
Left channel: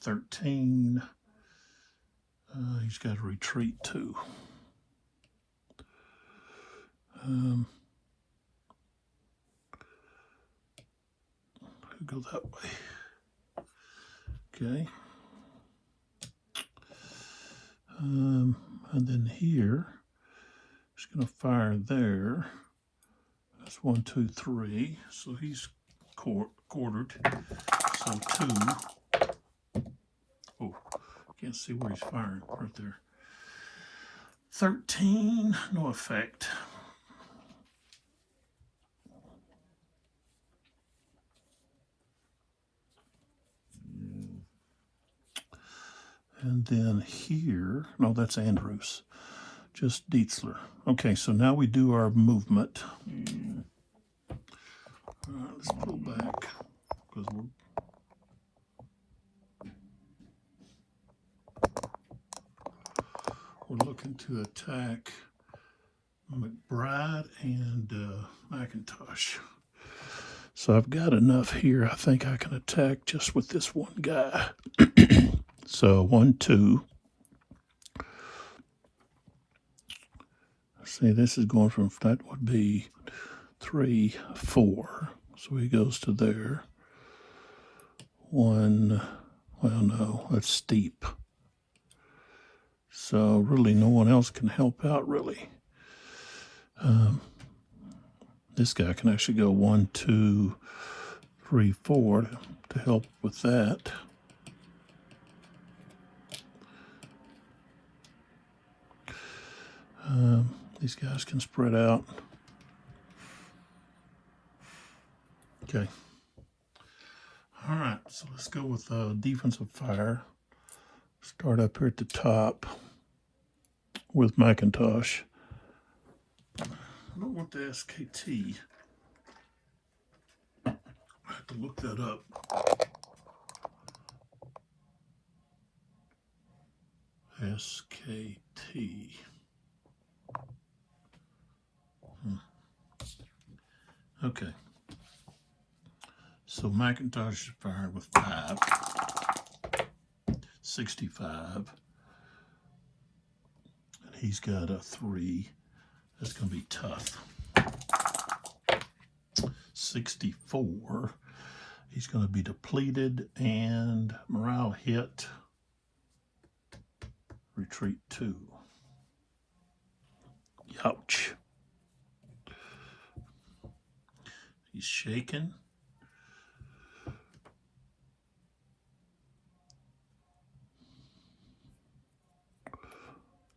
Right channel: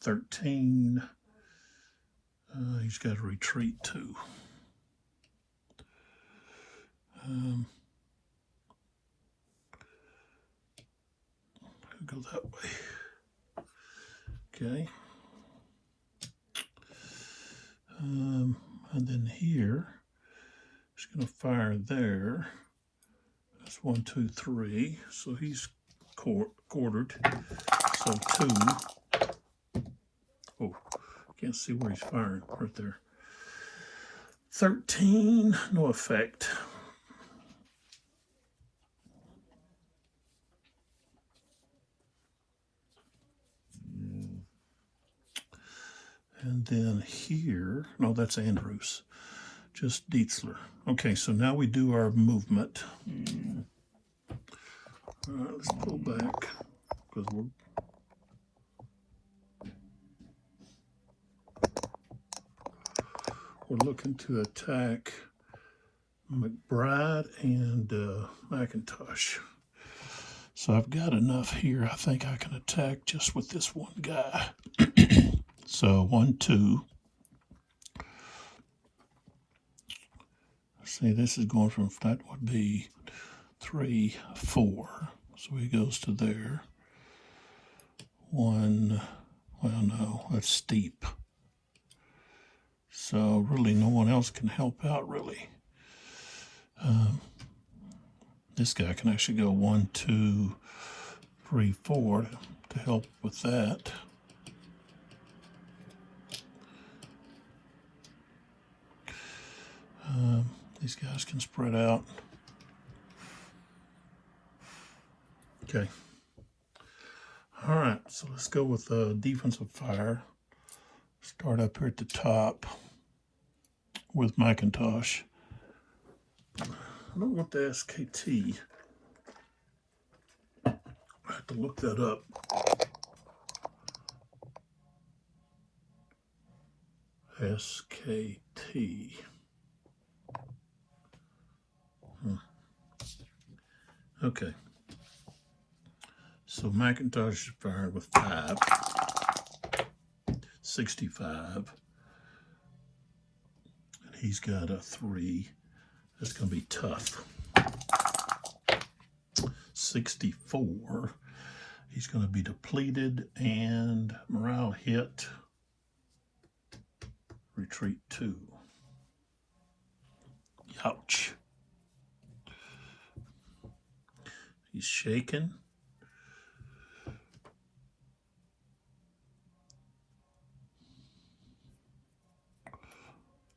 13. He's got to retreat 2. Go that way. Okay. And then here, he's going to fire there. That's 1, 2, 3. So he's quartered. So 2. Oh, can't see where he's firing. Right there. 13. No effect. And then here, no, that's Andrews. Just Dietzler. Okay, so now we do our movement. All right, let's pull back because we're looking to attack McBride and McIntosh. So I've got enough here. I think I can attack just with this one guy. So 1, 2. See, this is going from, that would be 3, 4. So he goes to there. 1, well, no, that's steep. So really no one else can help out, really. This guy can actually go 1, 2, 3, 4 to help with that. These guys can spread out. Okay. All right, so let's go with defensive fire. Start up here at the top with McIntosh. I don't want the SKT. I have to look that up. SKT. Okay. So McIntosh is fired with 5. 65. And He's got a 3. That's going to be tough. 64. He's going to be depleted and morale hit. Retreat 2. Ouch. He's shaken.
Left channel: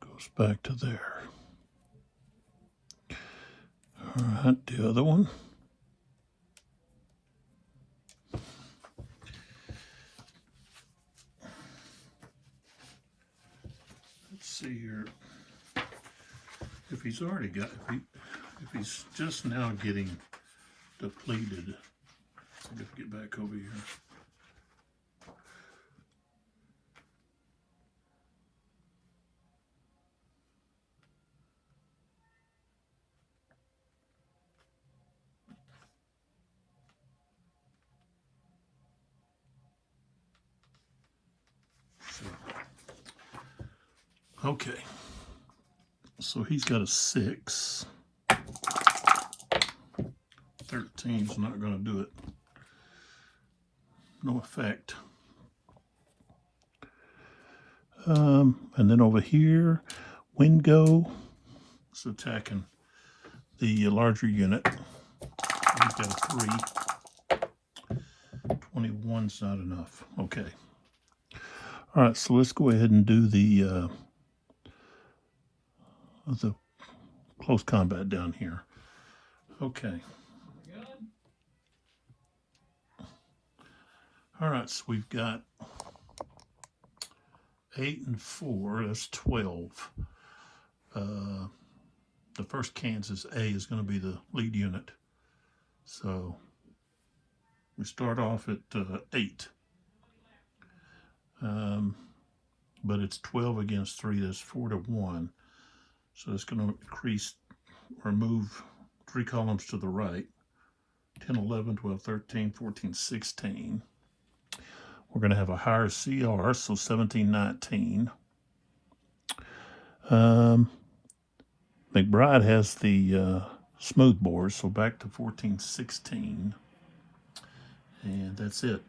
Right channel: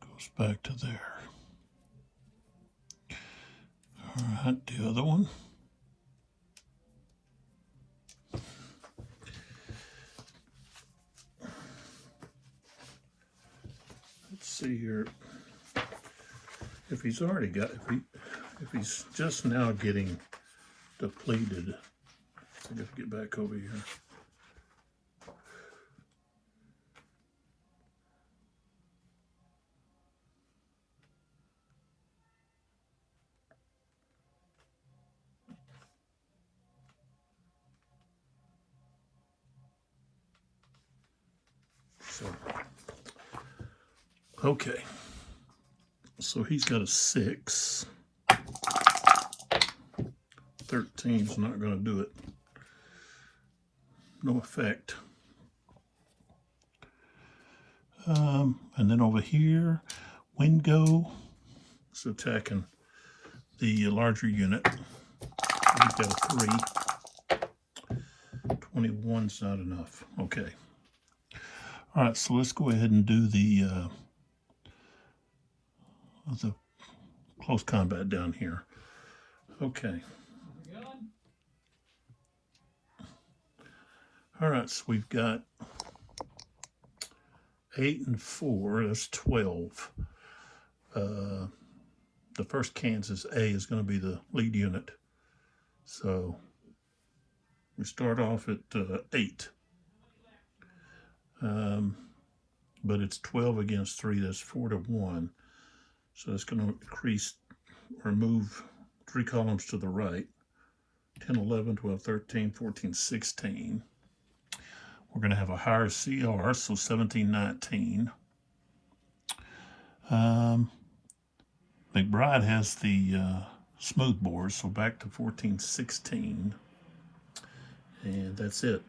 Goes back to there. All right, the other one. Let's see here. If he's already got, if he's just now getting depleted, I got to get back over here. So, okay. So he's got a 6. 13's not going to do it. No effect. And then over here, Wingo is attacking the larger unit. He's got a 3. 21's not enough. Okay. All right, so let's go ahead and do the close combat down here. Okay. All right, so we've got 8 and 4. That's 12. The first Kansas A is going to be the lead unit. So we start off at 8. But it's 12 against 3. That's 4 to 1. So it's going to increase or move 3 columns to the right. 10, 11, 12, 13, 14, 16. We're going to have a higher CR, so 17, 19. McBride has the smooth bore, so back to 14, 16. And that's it.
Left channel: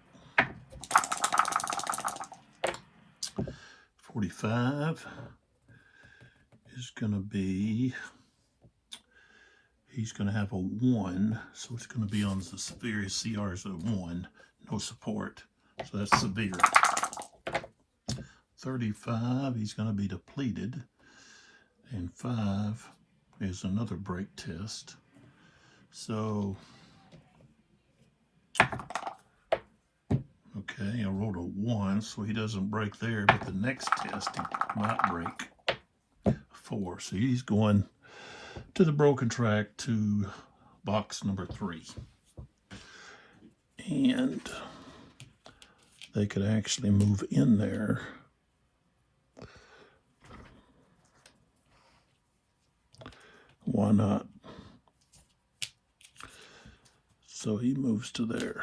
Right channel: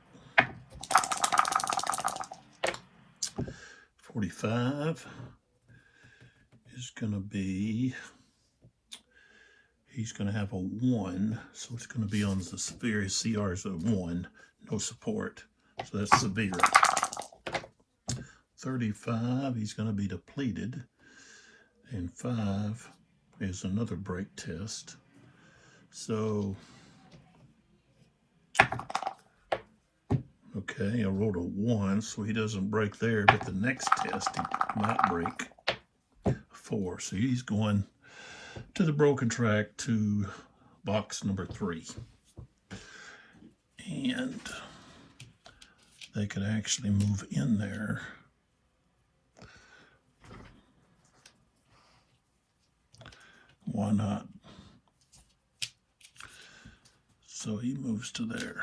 45 is going to be, he's going to have a 1, so it's going to be on the various CRs of 1, no support. So that's severe. 35, he's going to be depleted. And 5 is another break test. So, okay, I rolled a 1, so he doesn't break there, but the next test he might break 4. So he's going to the broken track to box number 3. And they could actually move in there. Why not? So he moves to there.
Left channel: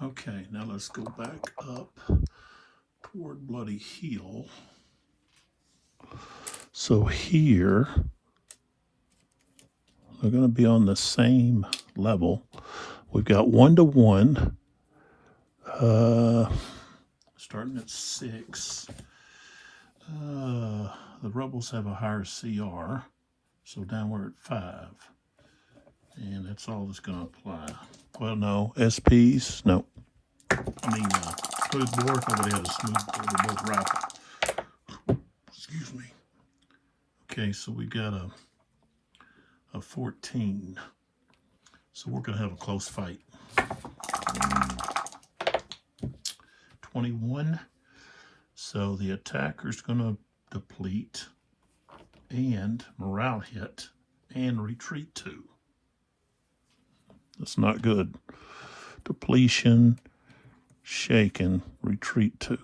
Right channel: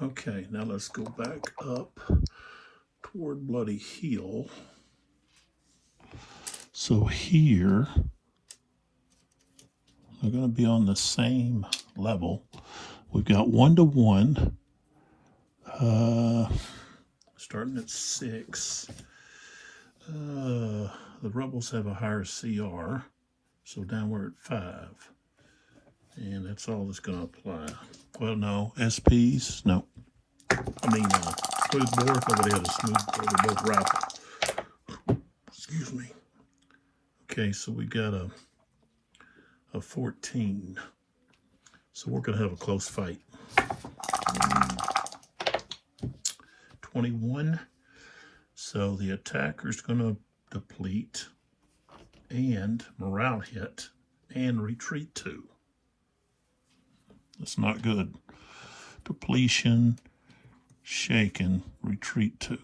Okay, now let's go back up toward Bloody Heel. So here, they're going to be on the same level. We've got 1 to 1. Starting at 6. The rebels have a higher CR, so down we're at 5. And that's all that's going to apply. Well, no, SPs, no. I mean, smooth bore, nobody has a smooth bore, they're both rifle. Excuse me. Okay, so we got a 14. So we're going to have a close fight. 21. So the attacker's going to deplete and morale hit and retreat 2. That's not good. Depletion, shaken, retreat 2.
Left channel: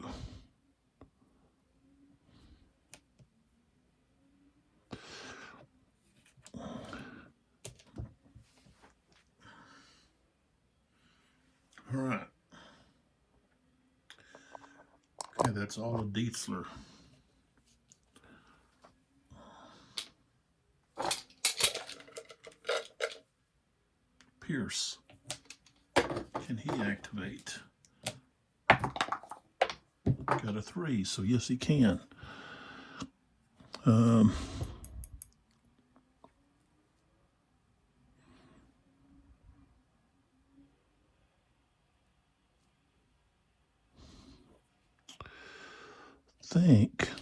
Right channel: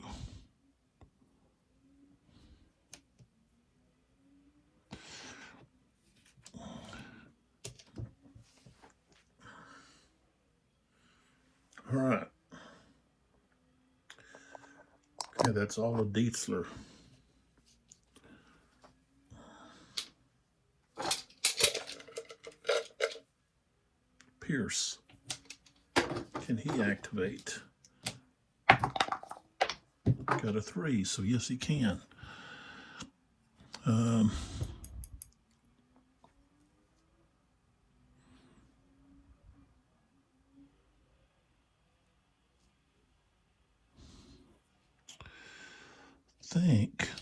All right. Okay, that's all of Dietzler. Pierce. Can he activate? Got a 3, so yes, he can. Think.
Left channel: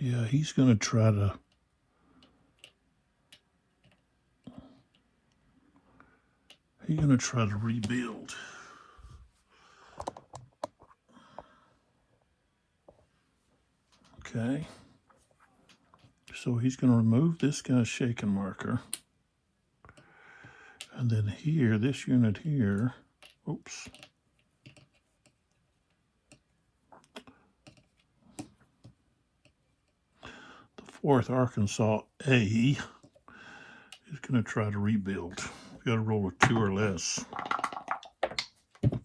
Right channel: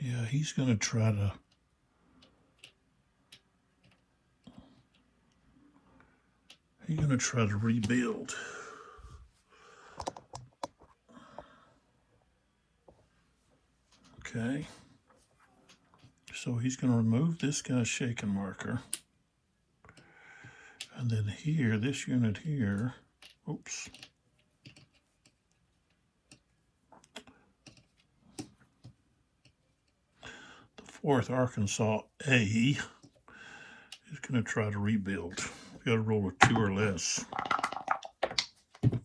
Yeah, he's going to try to. He's going to try to rebuild. Okay. So he's going to remove this guy's shaking marker. And then here, this unit here, oops. The 4th Arkansas A is going to try to rebuild. Got to roll a 2 or less.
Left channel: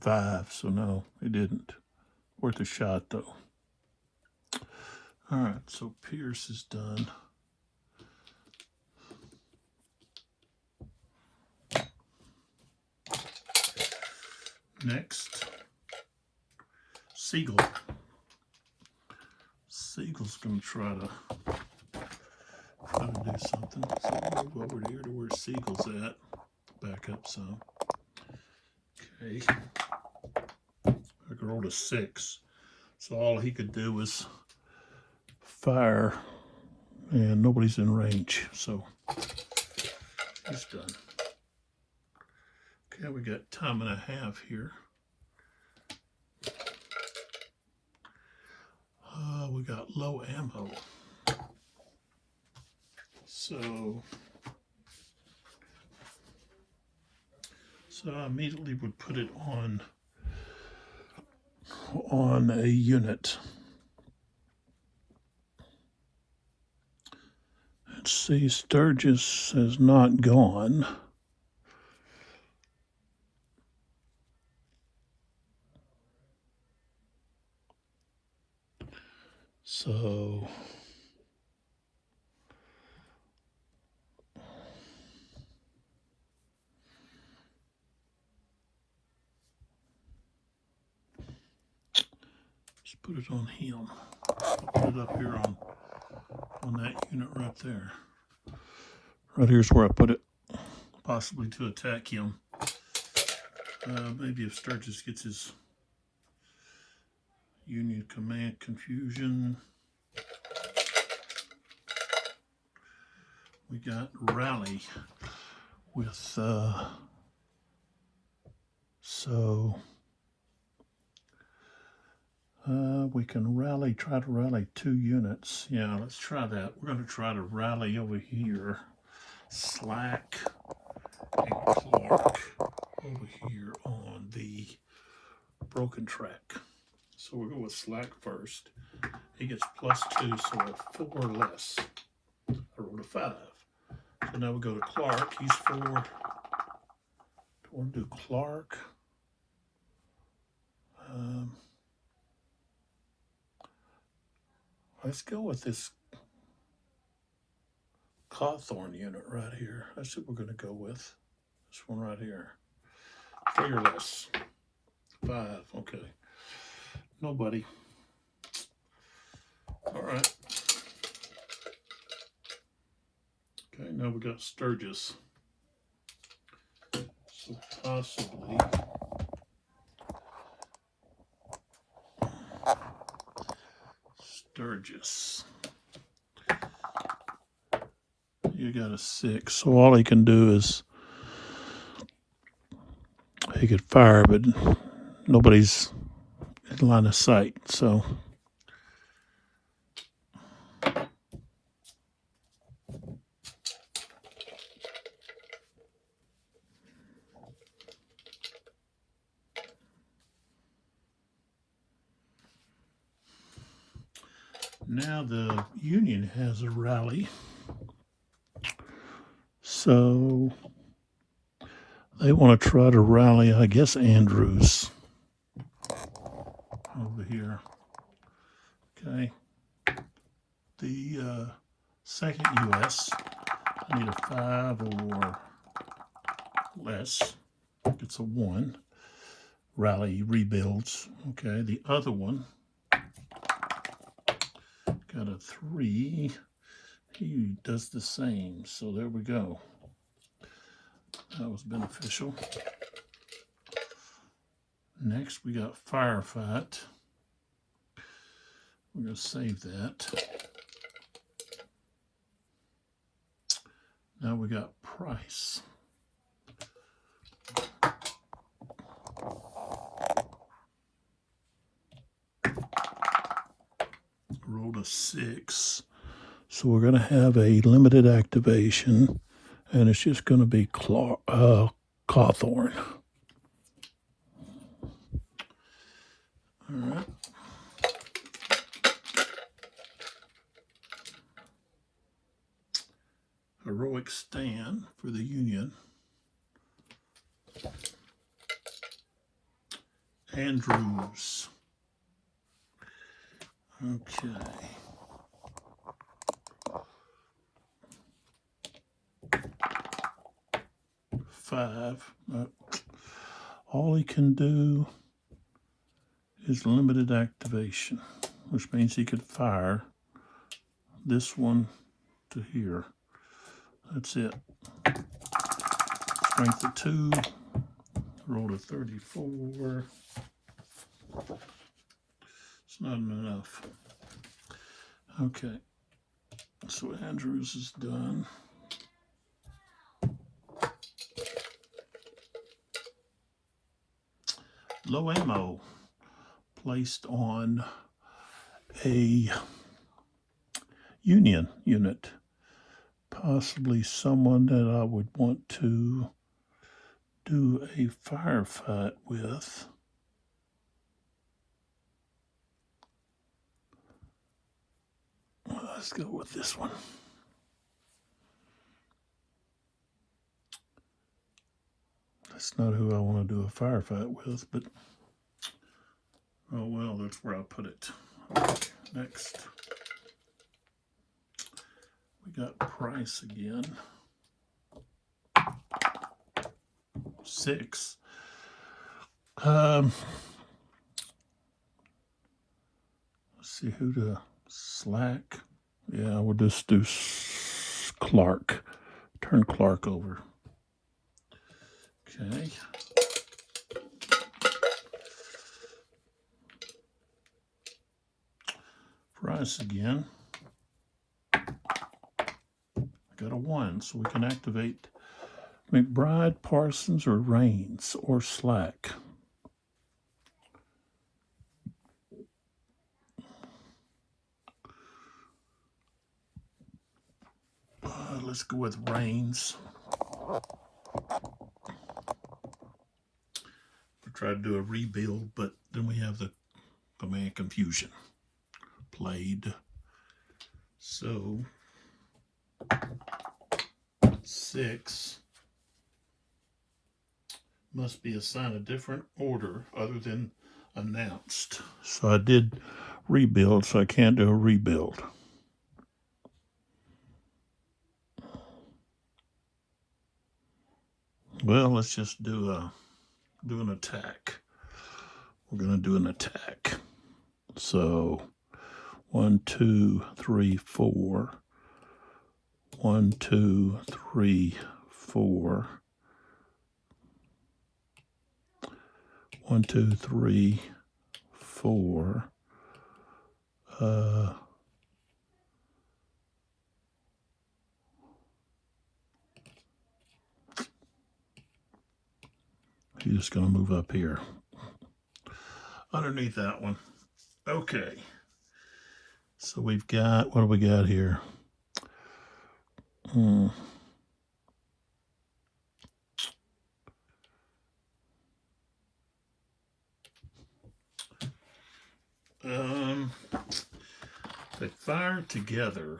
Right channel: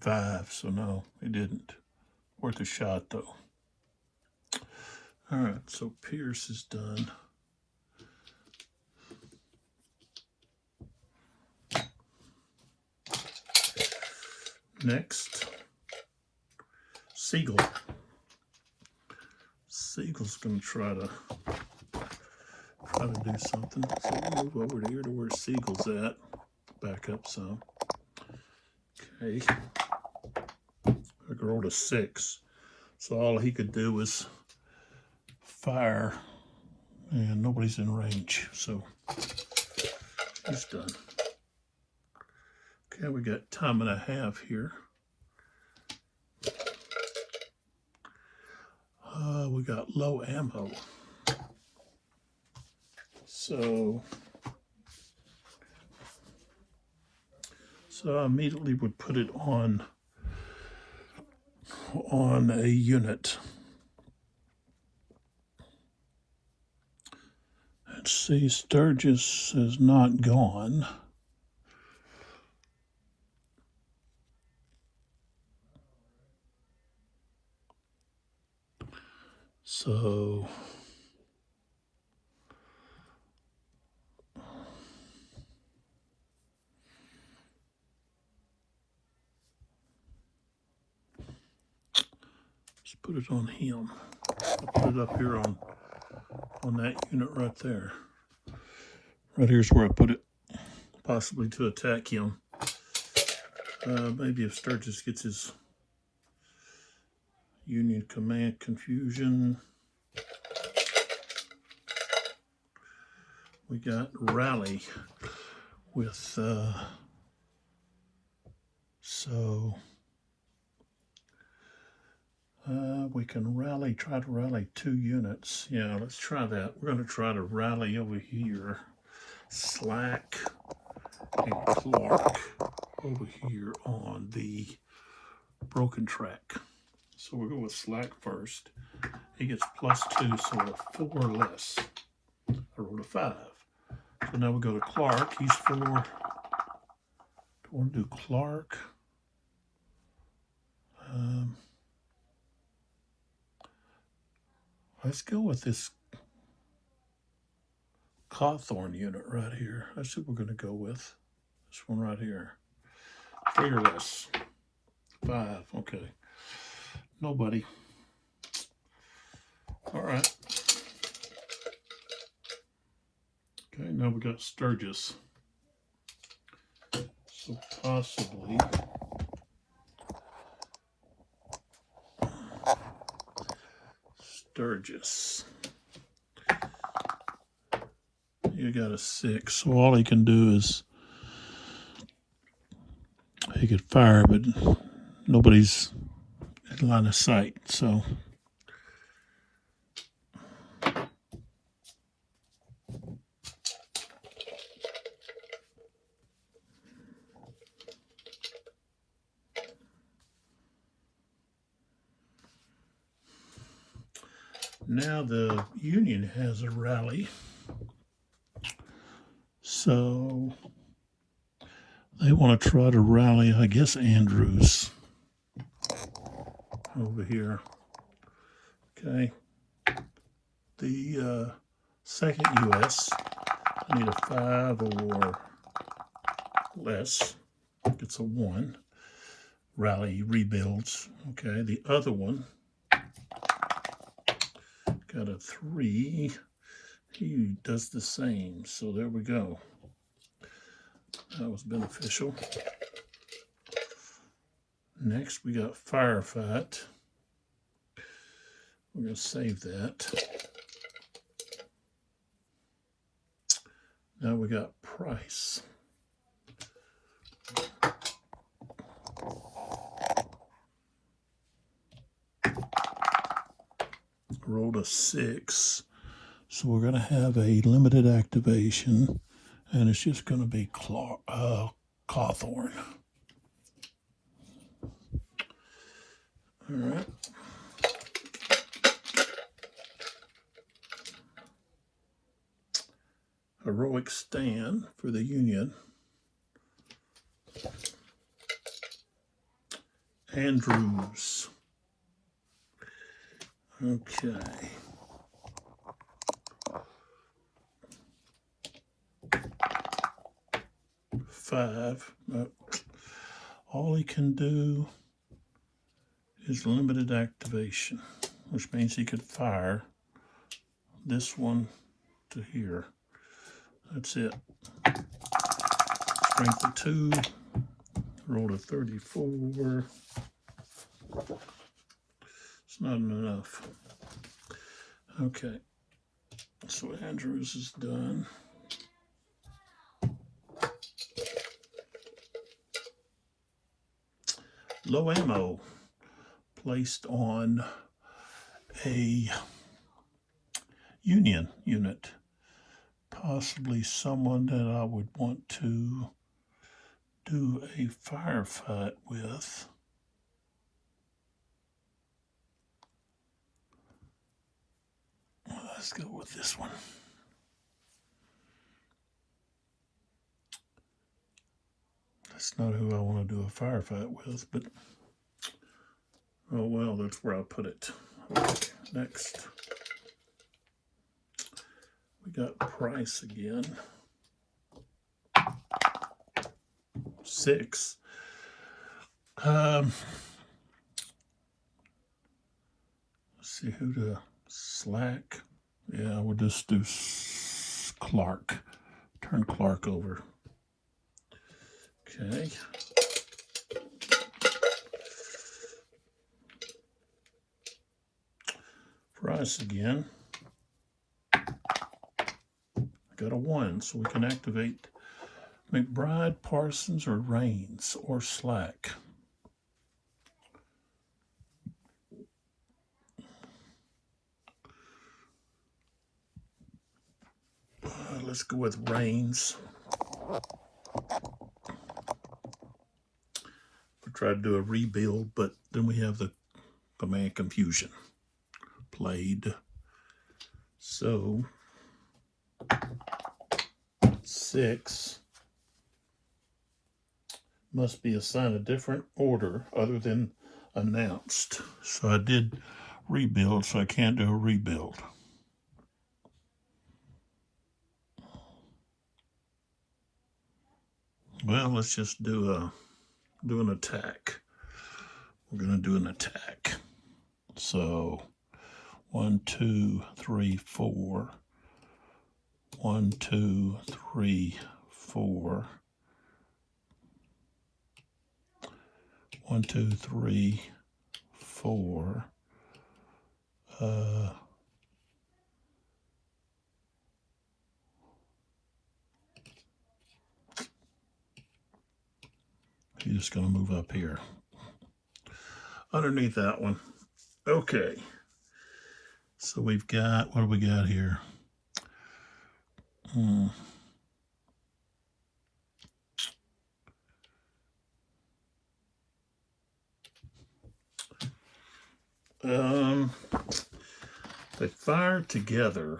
5, so no, it didn't. Worth a shot, though. All right, so Pierce is done. Next, Siegel. Siegel's going to try to do something. So move over here to where Siegel's at. Back up some. Okay. I rolled a 6. So all he could do was fire, and nobody's in range. So he's done. Okay, we got time and a half here. We got low ammo. So I immediately would put it on a unit. Let's see, Sturgis has not gone. So just put it on him. Put it up here on that unit right there. Right here's where I put it, possibly to attack him. Maybe if Sturgis gets his Union Command confusion. We got Rally with, we can rally, try to rally 2 units. Yeah, let's try that. We're going to try to rally over here. Slack and Clark over here on the broken track. So we'll go with Slack first. He gets +2, so we're 4 less. I rolled a 5. So now we go to Clark. He's 4. We'll do Clark. Let's go with this Cawthorn unit right here. That's what we're going to go with. This one right here. 3 or less. 5. Okay. Nobody. All right. Okay, now we got Sturgis. So possibly Sturgis. You got a 6, so all he can do is he could fire, but nobody's in line of sight. So now the Union has a rally. So they want to try to rally, I guess, Andrews over here. Okay. the second US. I need a 5 or less. It's a 1. Rally rebuilds. Okay, the other one got a 3. He does the same. So there we go. That was beneficial. Next, we got Firefight. We're going to save that. Now we got Price. Rolled a 6. So we're going to have a limited activation, and it's just going to be Cawthorn. All right. Heroic Stand for the Union. Andrews. Okay. Five. All he can do is limited activation, which means he could fire this one to here. That's it. Strength of 2. Rolled a 34. It's not enough. Okay. So Andrews is done. Low ammo placed on a Union unit. Possibly someone that I would want to do a firefight with. Let's go with this one. That's not who I want to do a firefight with, but oh well, that's where I'll put it. Okay, next. We got Price again. 6. Let's see who to slack. Yeah, we'll just do Clark. Turn Clark over. Okay. Price again. Got a 1, so we can activate McBride, Parsons, or Raines, or Slack. Let's go with Raines. We tried to do a rebuild, but then we have the command confusion played. So 6 must be assigned a different order other than announced. So I did rebuild, so I can't do a rebuild. Well, let's just do an attack. We're gonna do an attack. So 1, 2, 3, 4. 1, 2, 3, 4. 1, 2, 3, 4. You're just going to move up here. Underneath that one. Okay. So we've got, what do we got here? They fire together.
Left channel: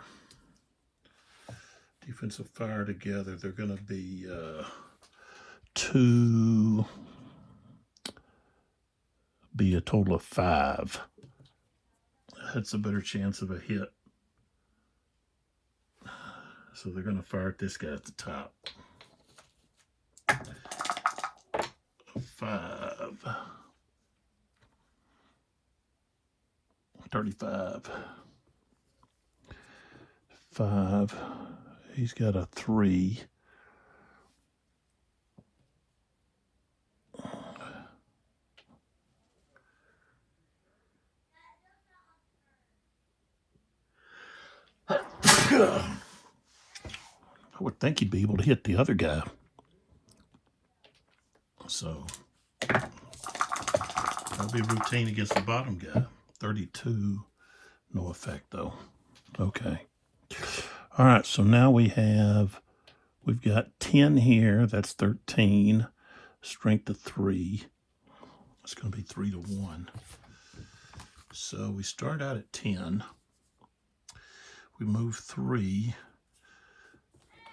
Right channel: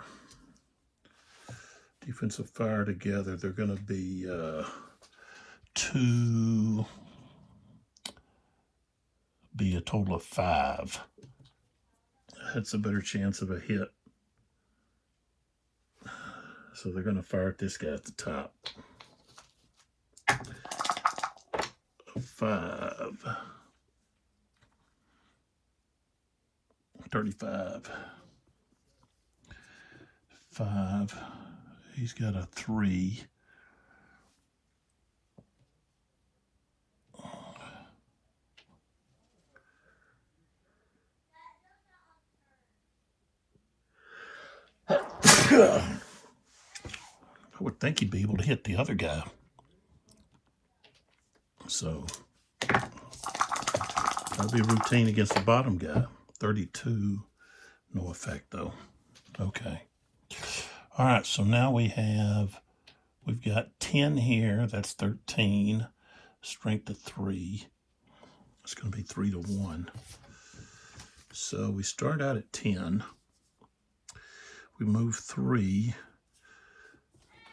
Defensive fire together. They're going to be 2, be a total of 5. That's a better chance of a hit. So they're going to fire at this guy at the top. 5. 35. 5. He's got a 3. I would think he'd be able to hit the other guy. So that'll be a routine against the bottom guy. 32, no effect though. Okay. All right, so now we've got 10 here. That's 13. Strength of 3. It's going to be 3 to 1. So we start out at 10. We move 3.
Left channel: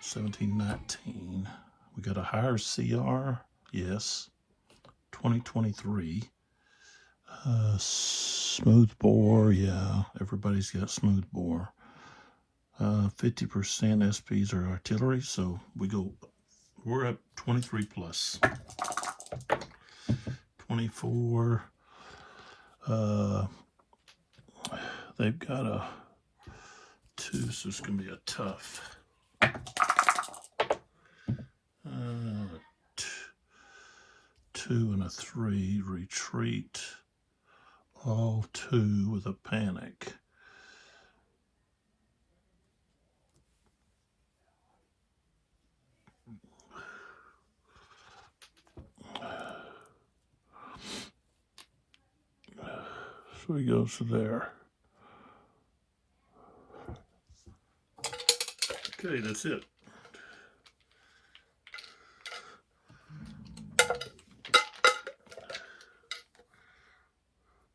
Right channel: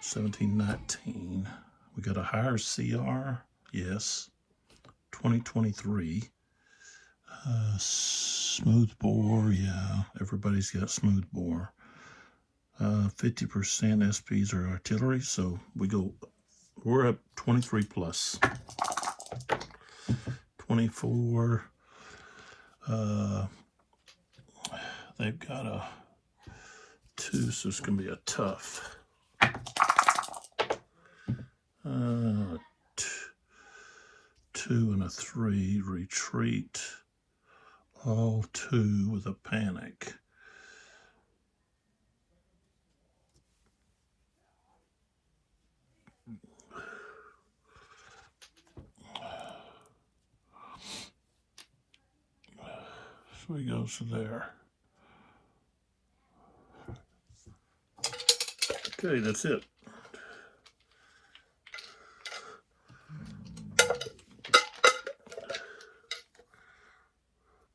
17, 19. We got a higher CR. Yes. 2023. Smooth bore. Yeah, everybody's got smooth bore. 50% SPs are artillery, so we're up 23 plus. 24. They've got a 2, so it's going to be a tough. 2 and a 3, retreat. All 2 with a panic. So he goes to there. Okay, that's it.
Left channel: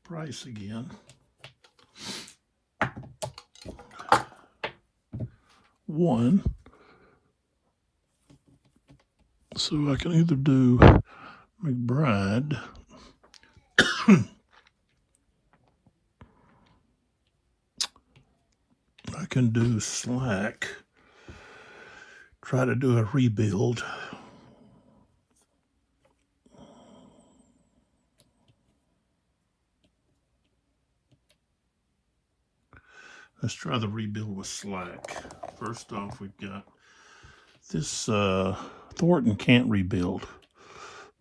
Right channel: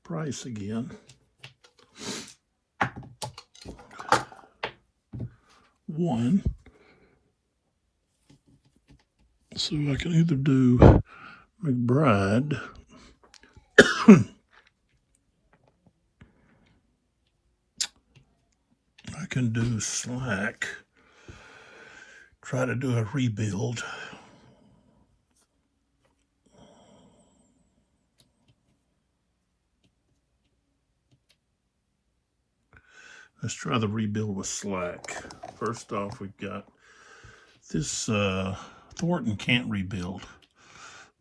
Price again. 1. So I can either do McBride. I can do Slack. Try to do a rebuild. Let's try the rebuild with Slack. First off, we've got this Thornton can't rebuild,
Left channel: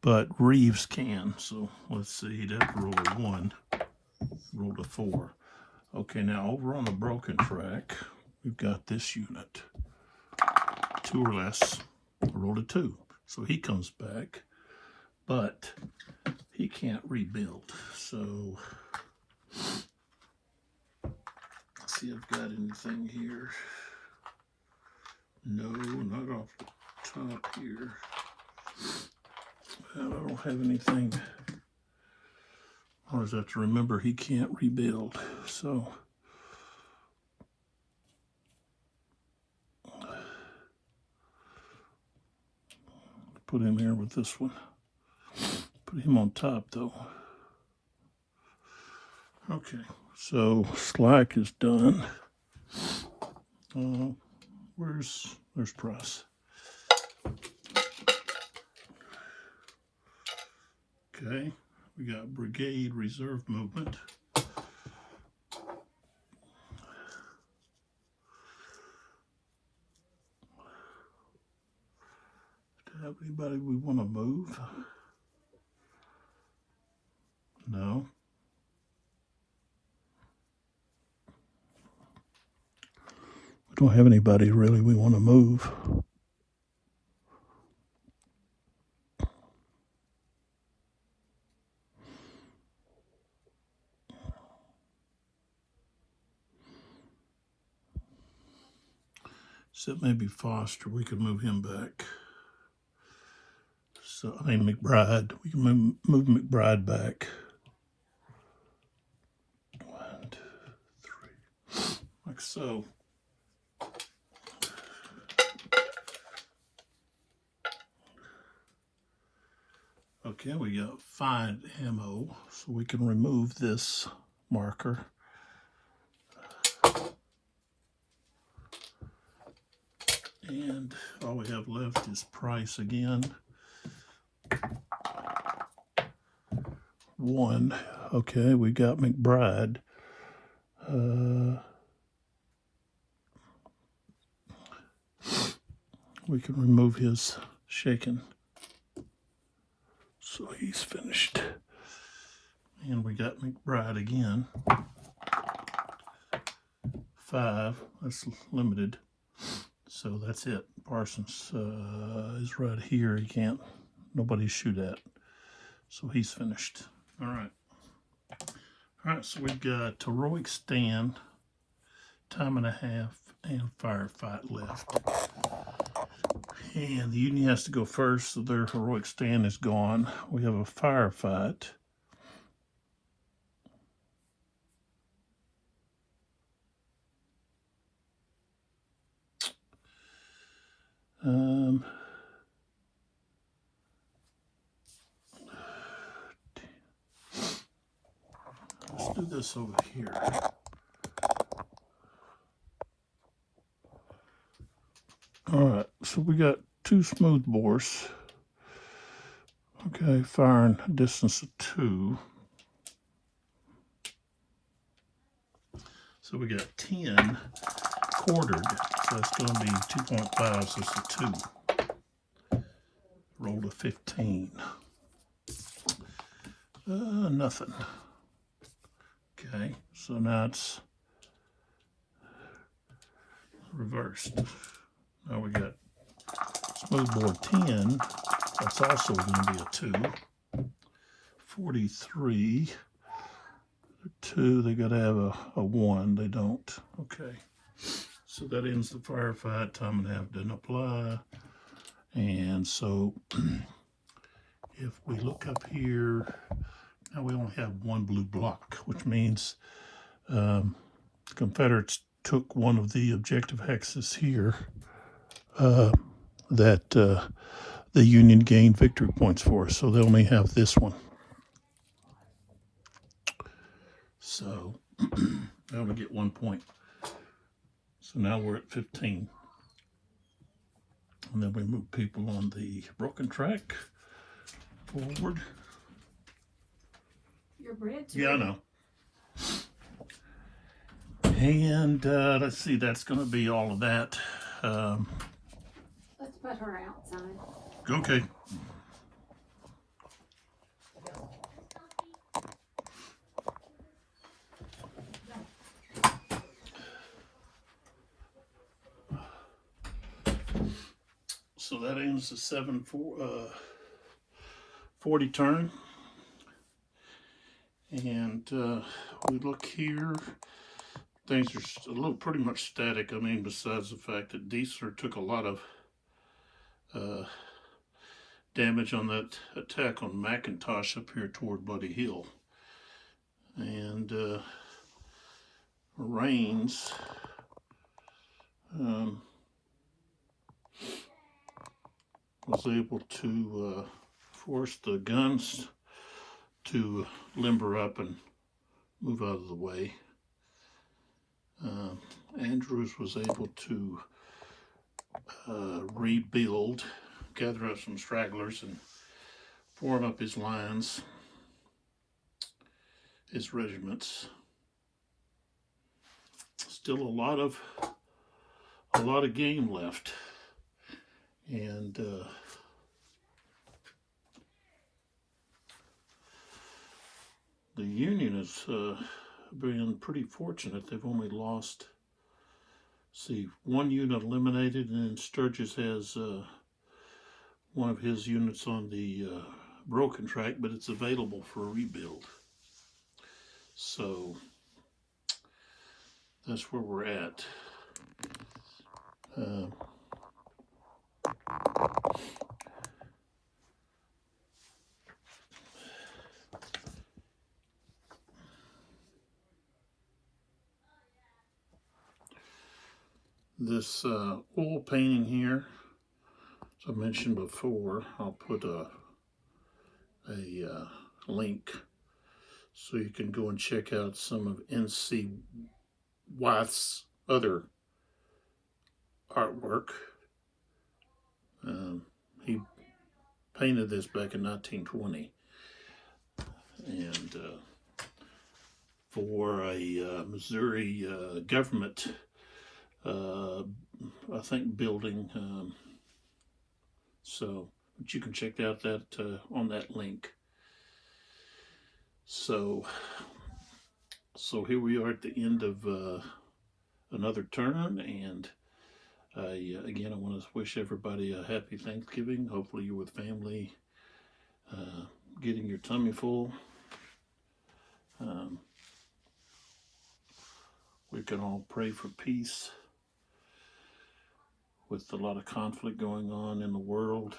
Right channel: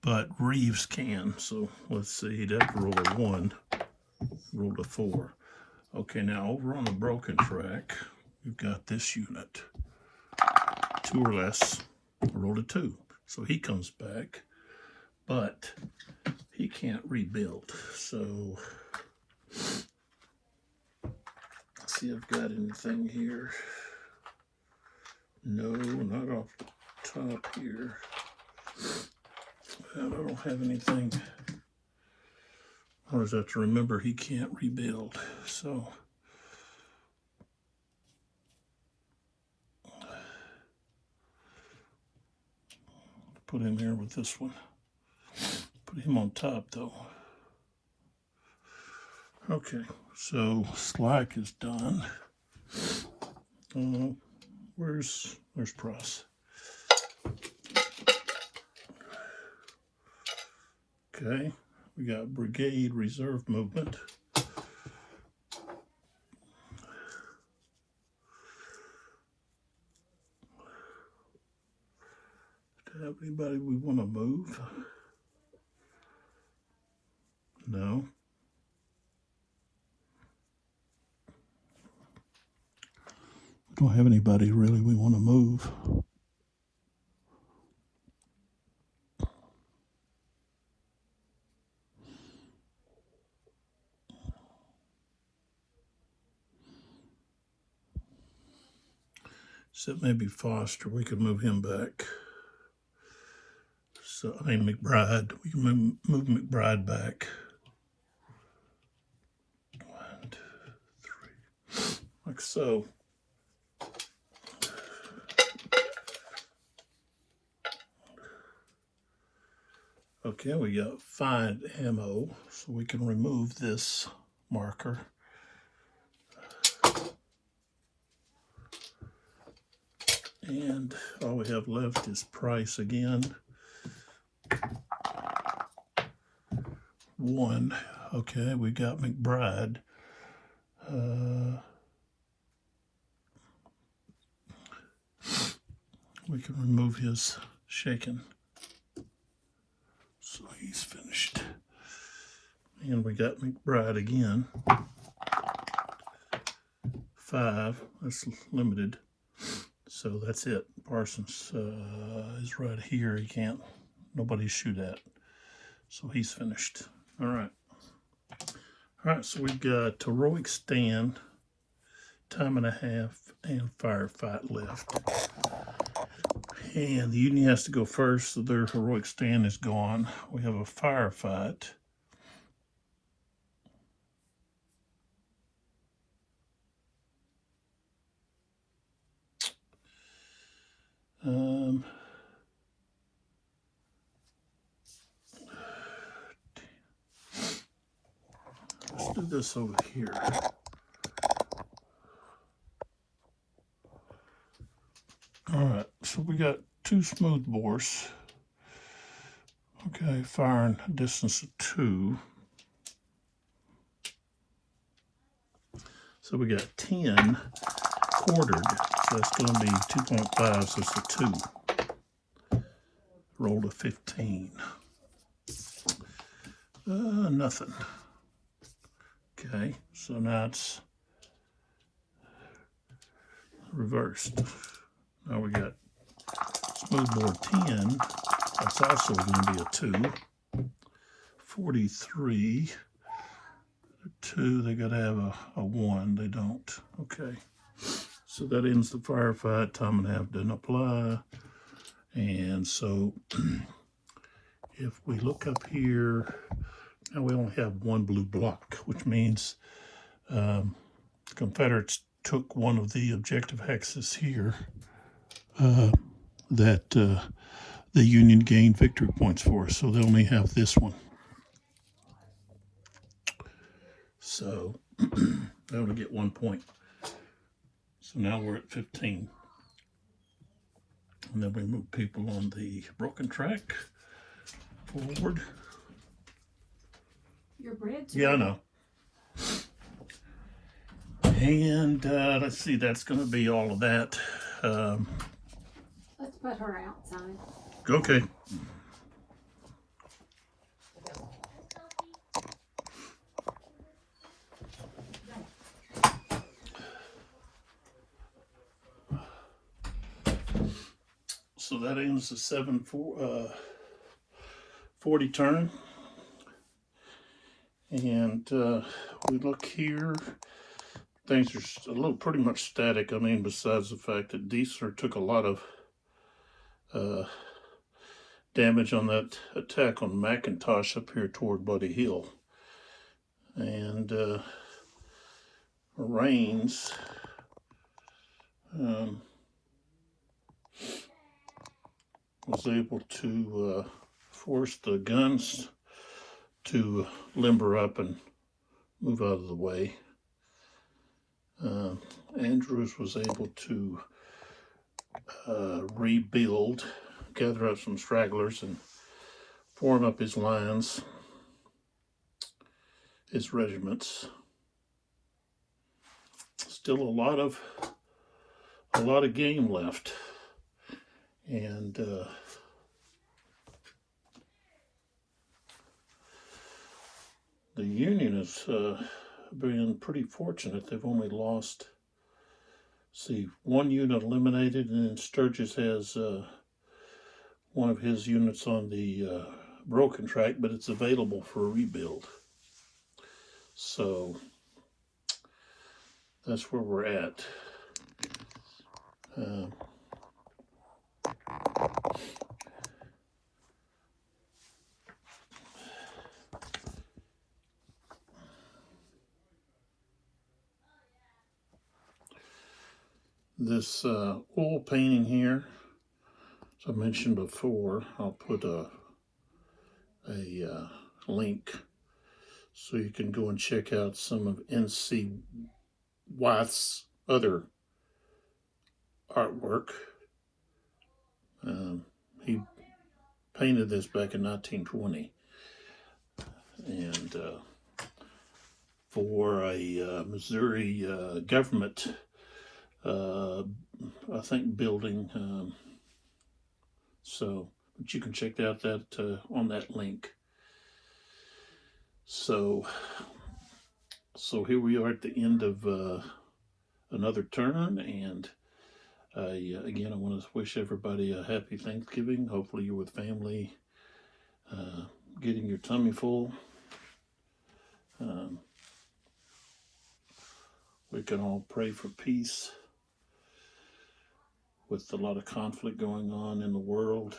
but Reeves can. So let's see, he'd have to roll a 1, roll a 4. Okay, now over on the broken track, we've got this unit. 2 or less, rolled a 2. So he comes back, but he can't rebuild. So let's see if I've got anything here. No, not off the top here. Well, I don't have anything. Or is that to remember he can't rebuild? So put him here with this one. Put him on top though. Okay, so Slack is done. There's Price. Okay, we got Brigade Reserve Movement. Do you have anybody we want to move? No. We don't have anybody really we want to move. Except maybe Foster. We could move him back. So, I mean, McBride. We can move McBride back. 1, 2, 3. Like so. Okay, we got 5 ammo, so we can remove this marker. And all we have left is price again. 1. Okay, we got McBride. We can remove his shaking. So he's finished. And we got McBride again. 5. That's limited. So that's it. Parsons is right here. He can't, nobody shoot at. So he's finished. All right. All right, so we've got Heroic Stand, Time and a Half, and Firefight left. And the Union has to go first, so their Heroic Stand is gone. We have a Firefight. Let's do this over here. All right, so we got 2 smooth bores. Okay, firing a distance of 2. So we got 10 quartered, so that's going to be 2.5, so it's a 2. Rolled a 15. Nothing. Okay, so now it's reversed. Now we got smoothbore 10. That's also going to be a 2. 43. 2, they got to have a 1. They don't. Okay. So that ends the firefight. Time and a half doesn't apply. And so if we look up here, now we only have 1 blue block, which means the Confederates took one of the objective hexes here that the Union gained victory points for. So they only have this one. So they only get 1 point. So now we're at 15. And then we move people on the broken track forward. Your bridge? Yeah, I know. And let's see, that's going to be all of that. Let's put her outside. Okay. So that ends the 7:40 turn. And we look here, things are a little pretty much static. I mean, besides the fact that Diesler took a lot of damage on that attack on McIntosh up here toward Buddy Hill. And Rains was able to force the guns to limber up and move out of the way. Andrews was able to rebuild, gather up some stragglers and form up his lines, his regiments. Still a lot of game left. And the Union has been pretty fortunate. They've only lost, see, 1 unit eliminated, and then Sturgis has one of his units on the broken track, but it's available for a rebuild. So that's where we're at. This oil painting here, as I mentioned before, I'll put a link so you can go and check out some of N.C. Wyeth's other artwork. He painted this back in 1920, and for a Missouri government, I think, building. But you can check out that on that link. So here we are at the end of another term, and again, I want to wish everybody a happy Thanksgiving. Hopefully you're with family, getting your tummy full. We can all pray for peace with a lot of conflict going on in the world.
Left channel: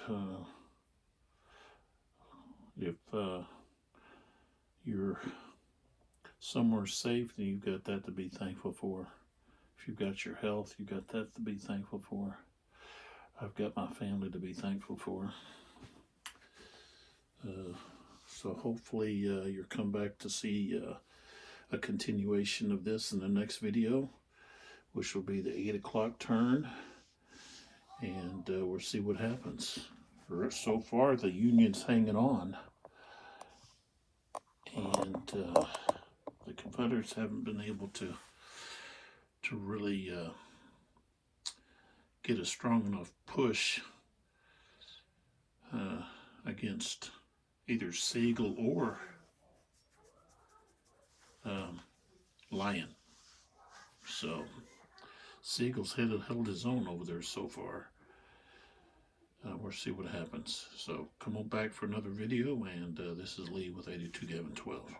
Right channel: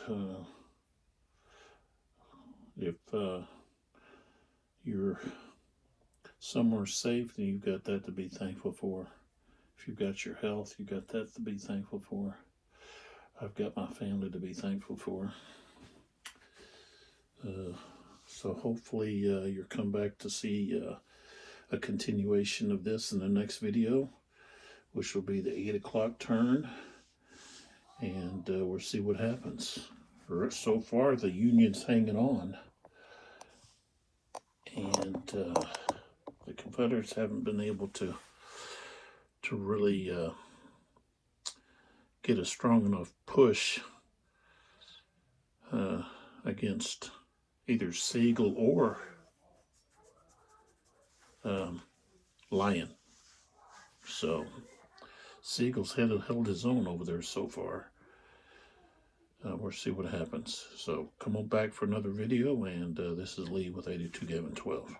If you're somewhere safe, then you've got that to be thankful for. If you've got your health, you've got that to be thankful for. I've got my family to be thankful for. So hopefully you'll come back to see a continuation of this in the next video, which will be the 8 o'clock turn, and we'll see what happens. So far, the Union's hanging on, and the Confederates haven't been able to really get a strong enough push against either Siegel or Lyon. So Siegel's held his own over there so far. We'll see what happens. So come on back for another video, and this is Lee with 82 Gavin 12.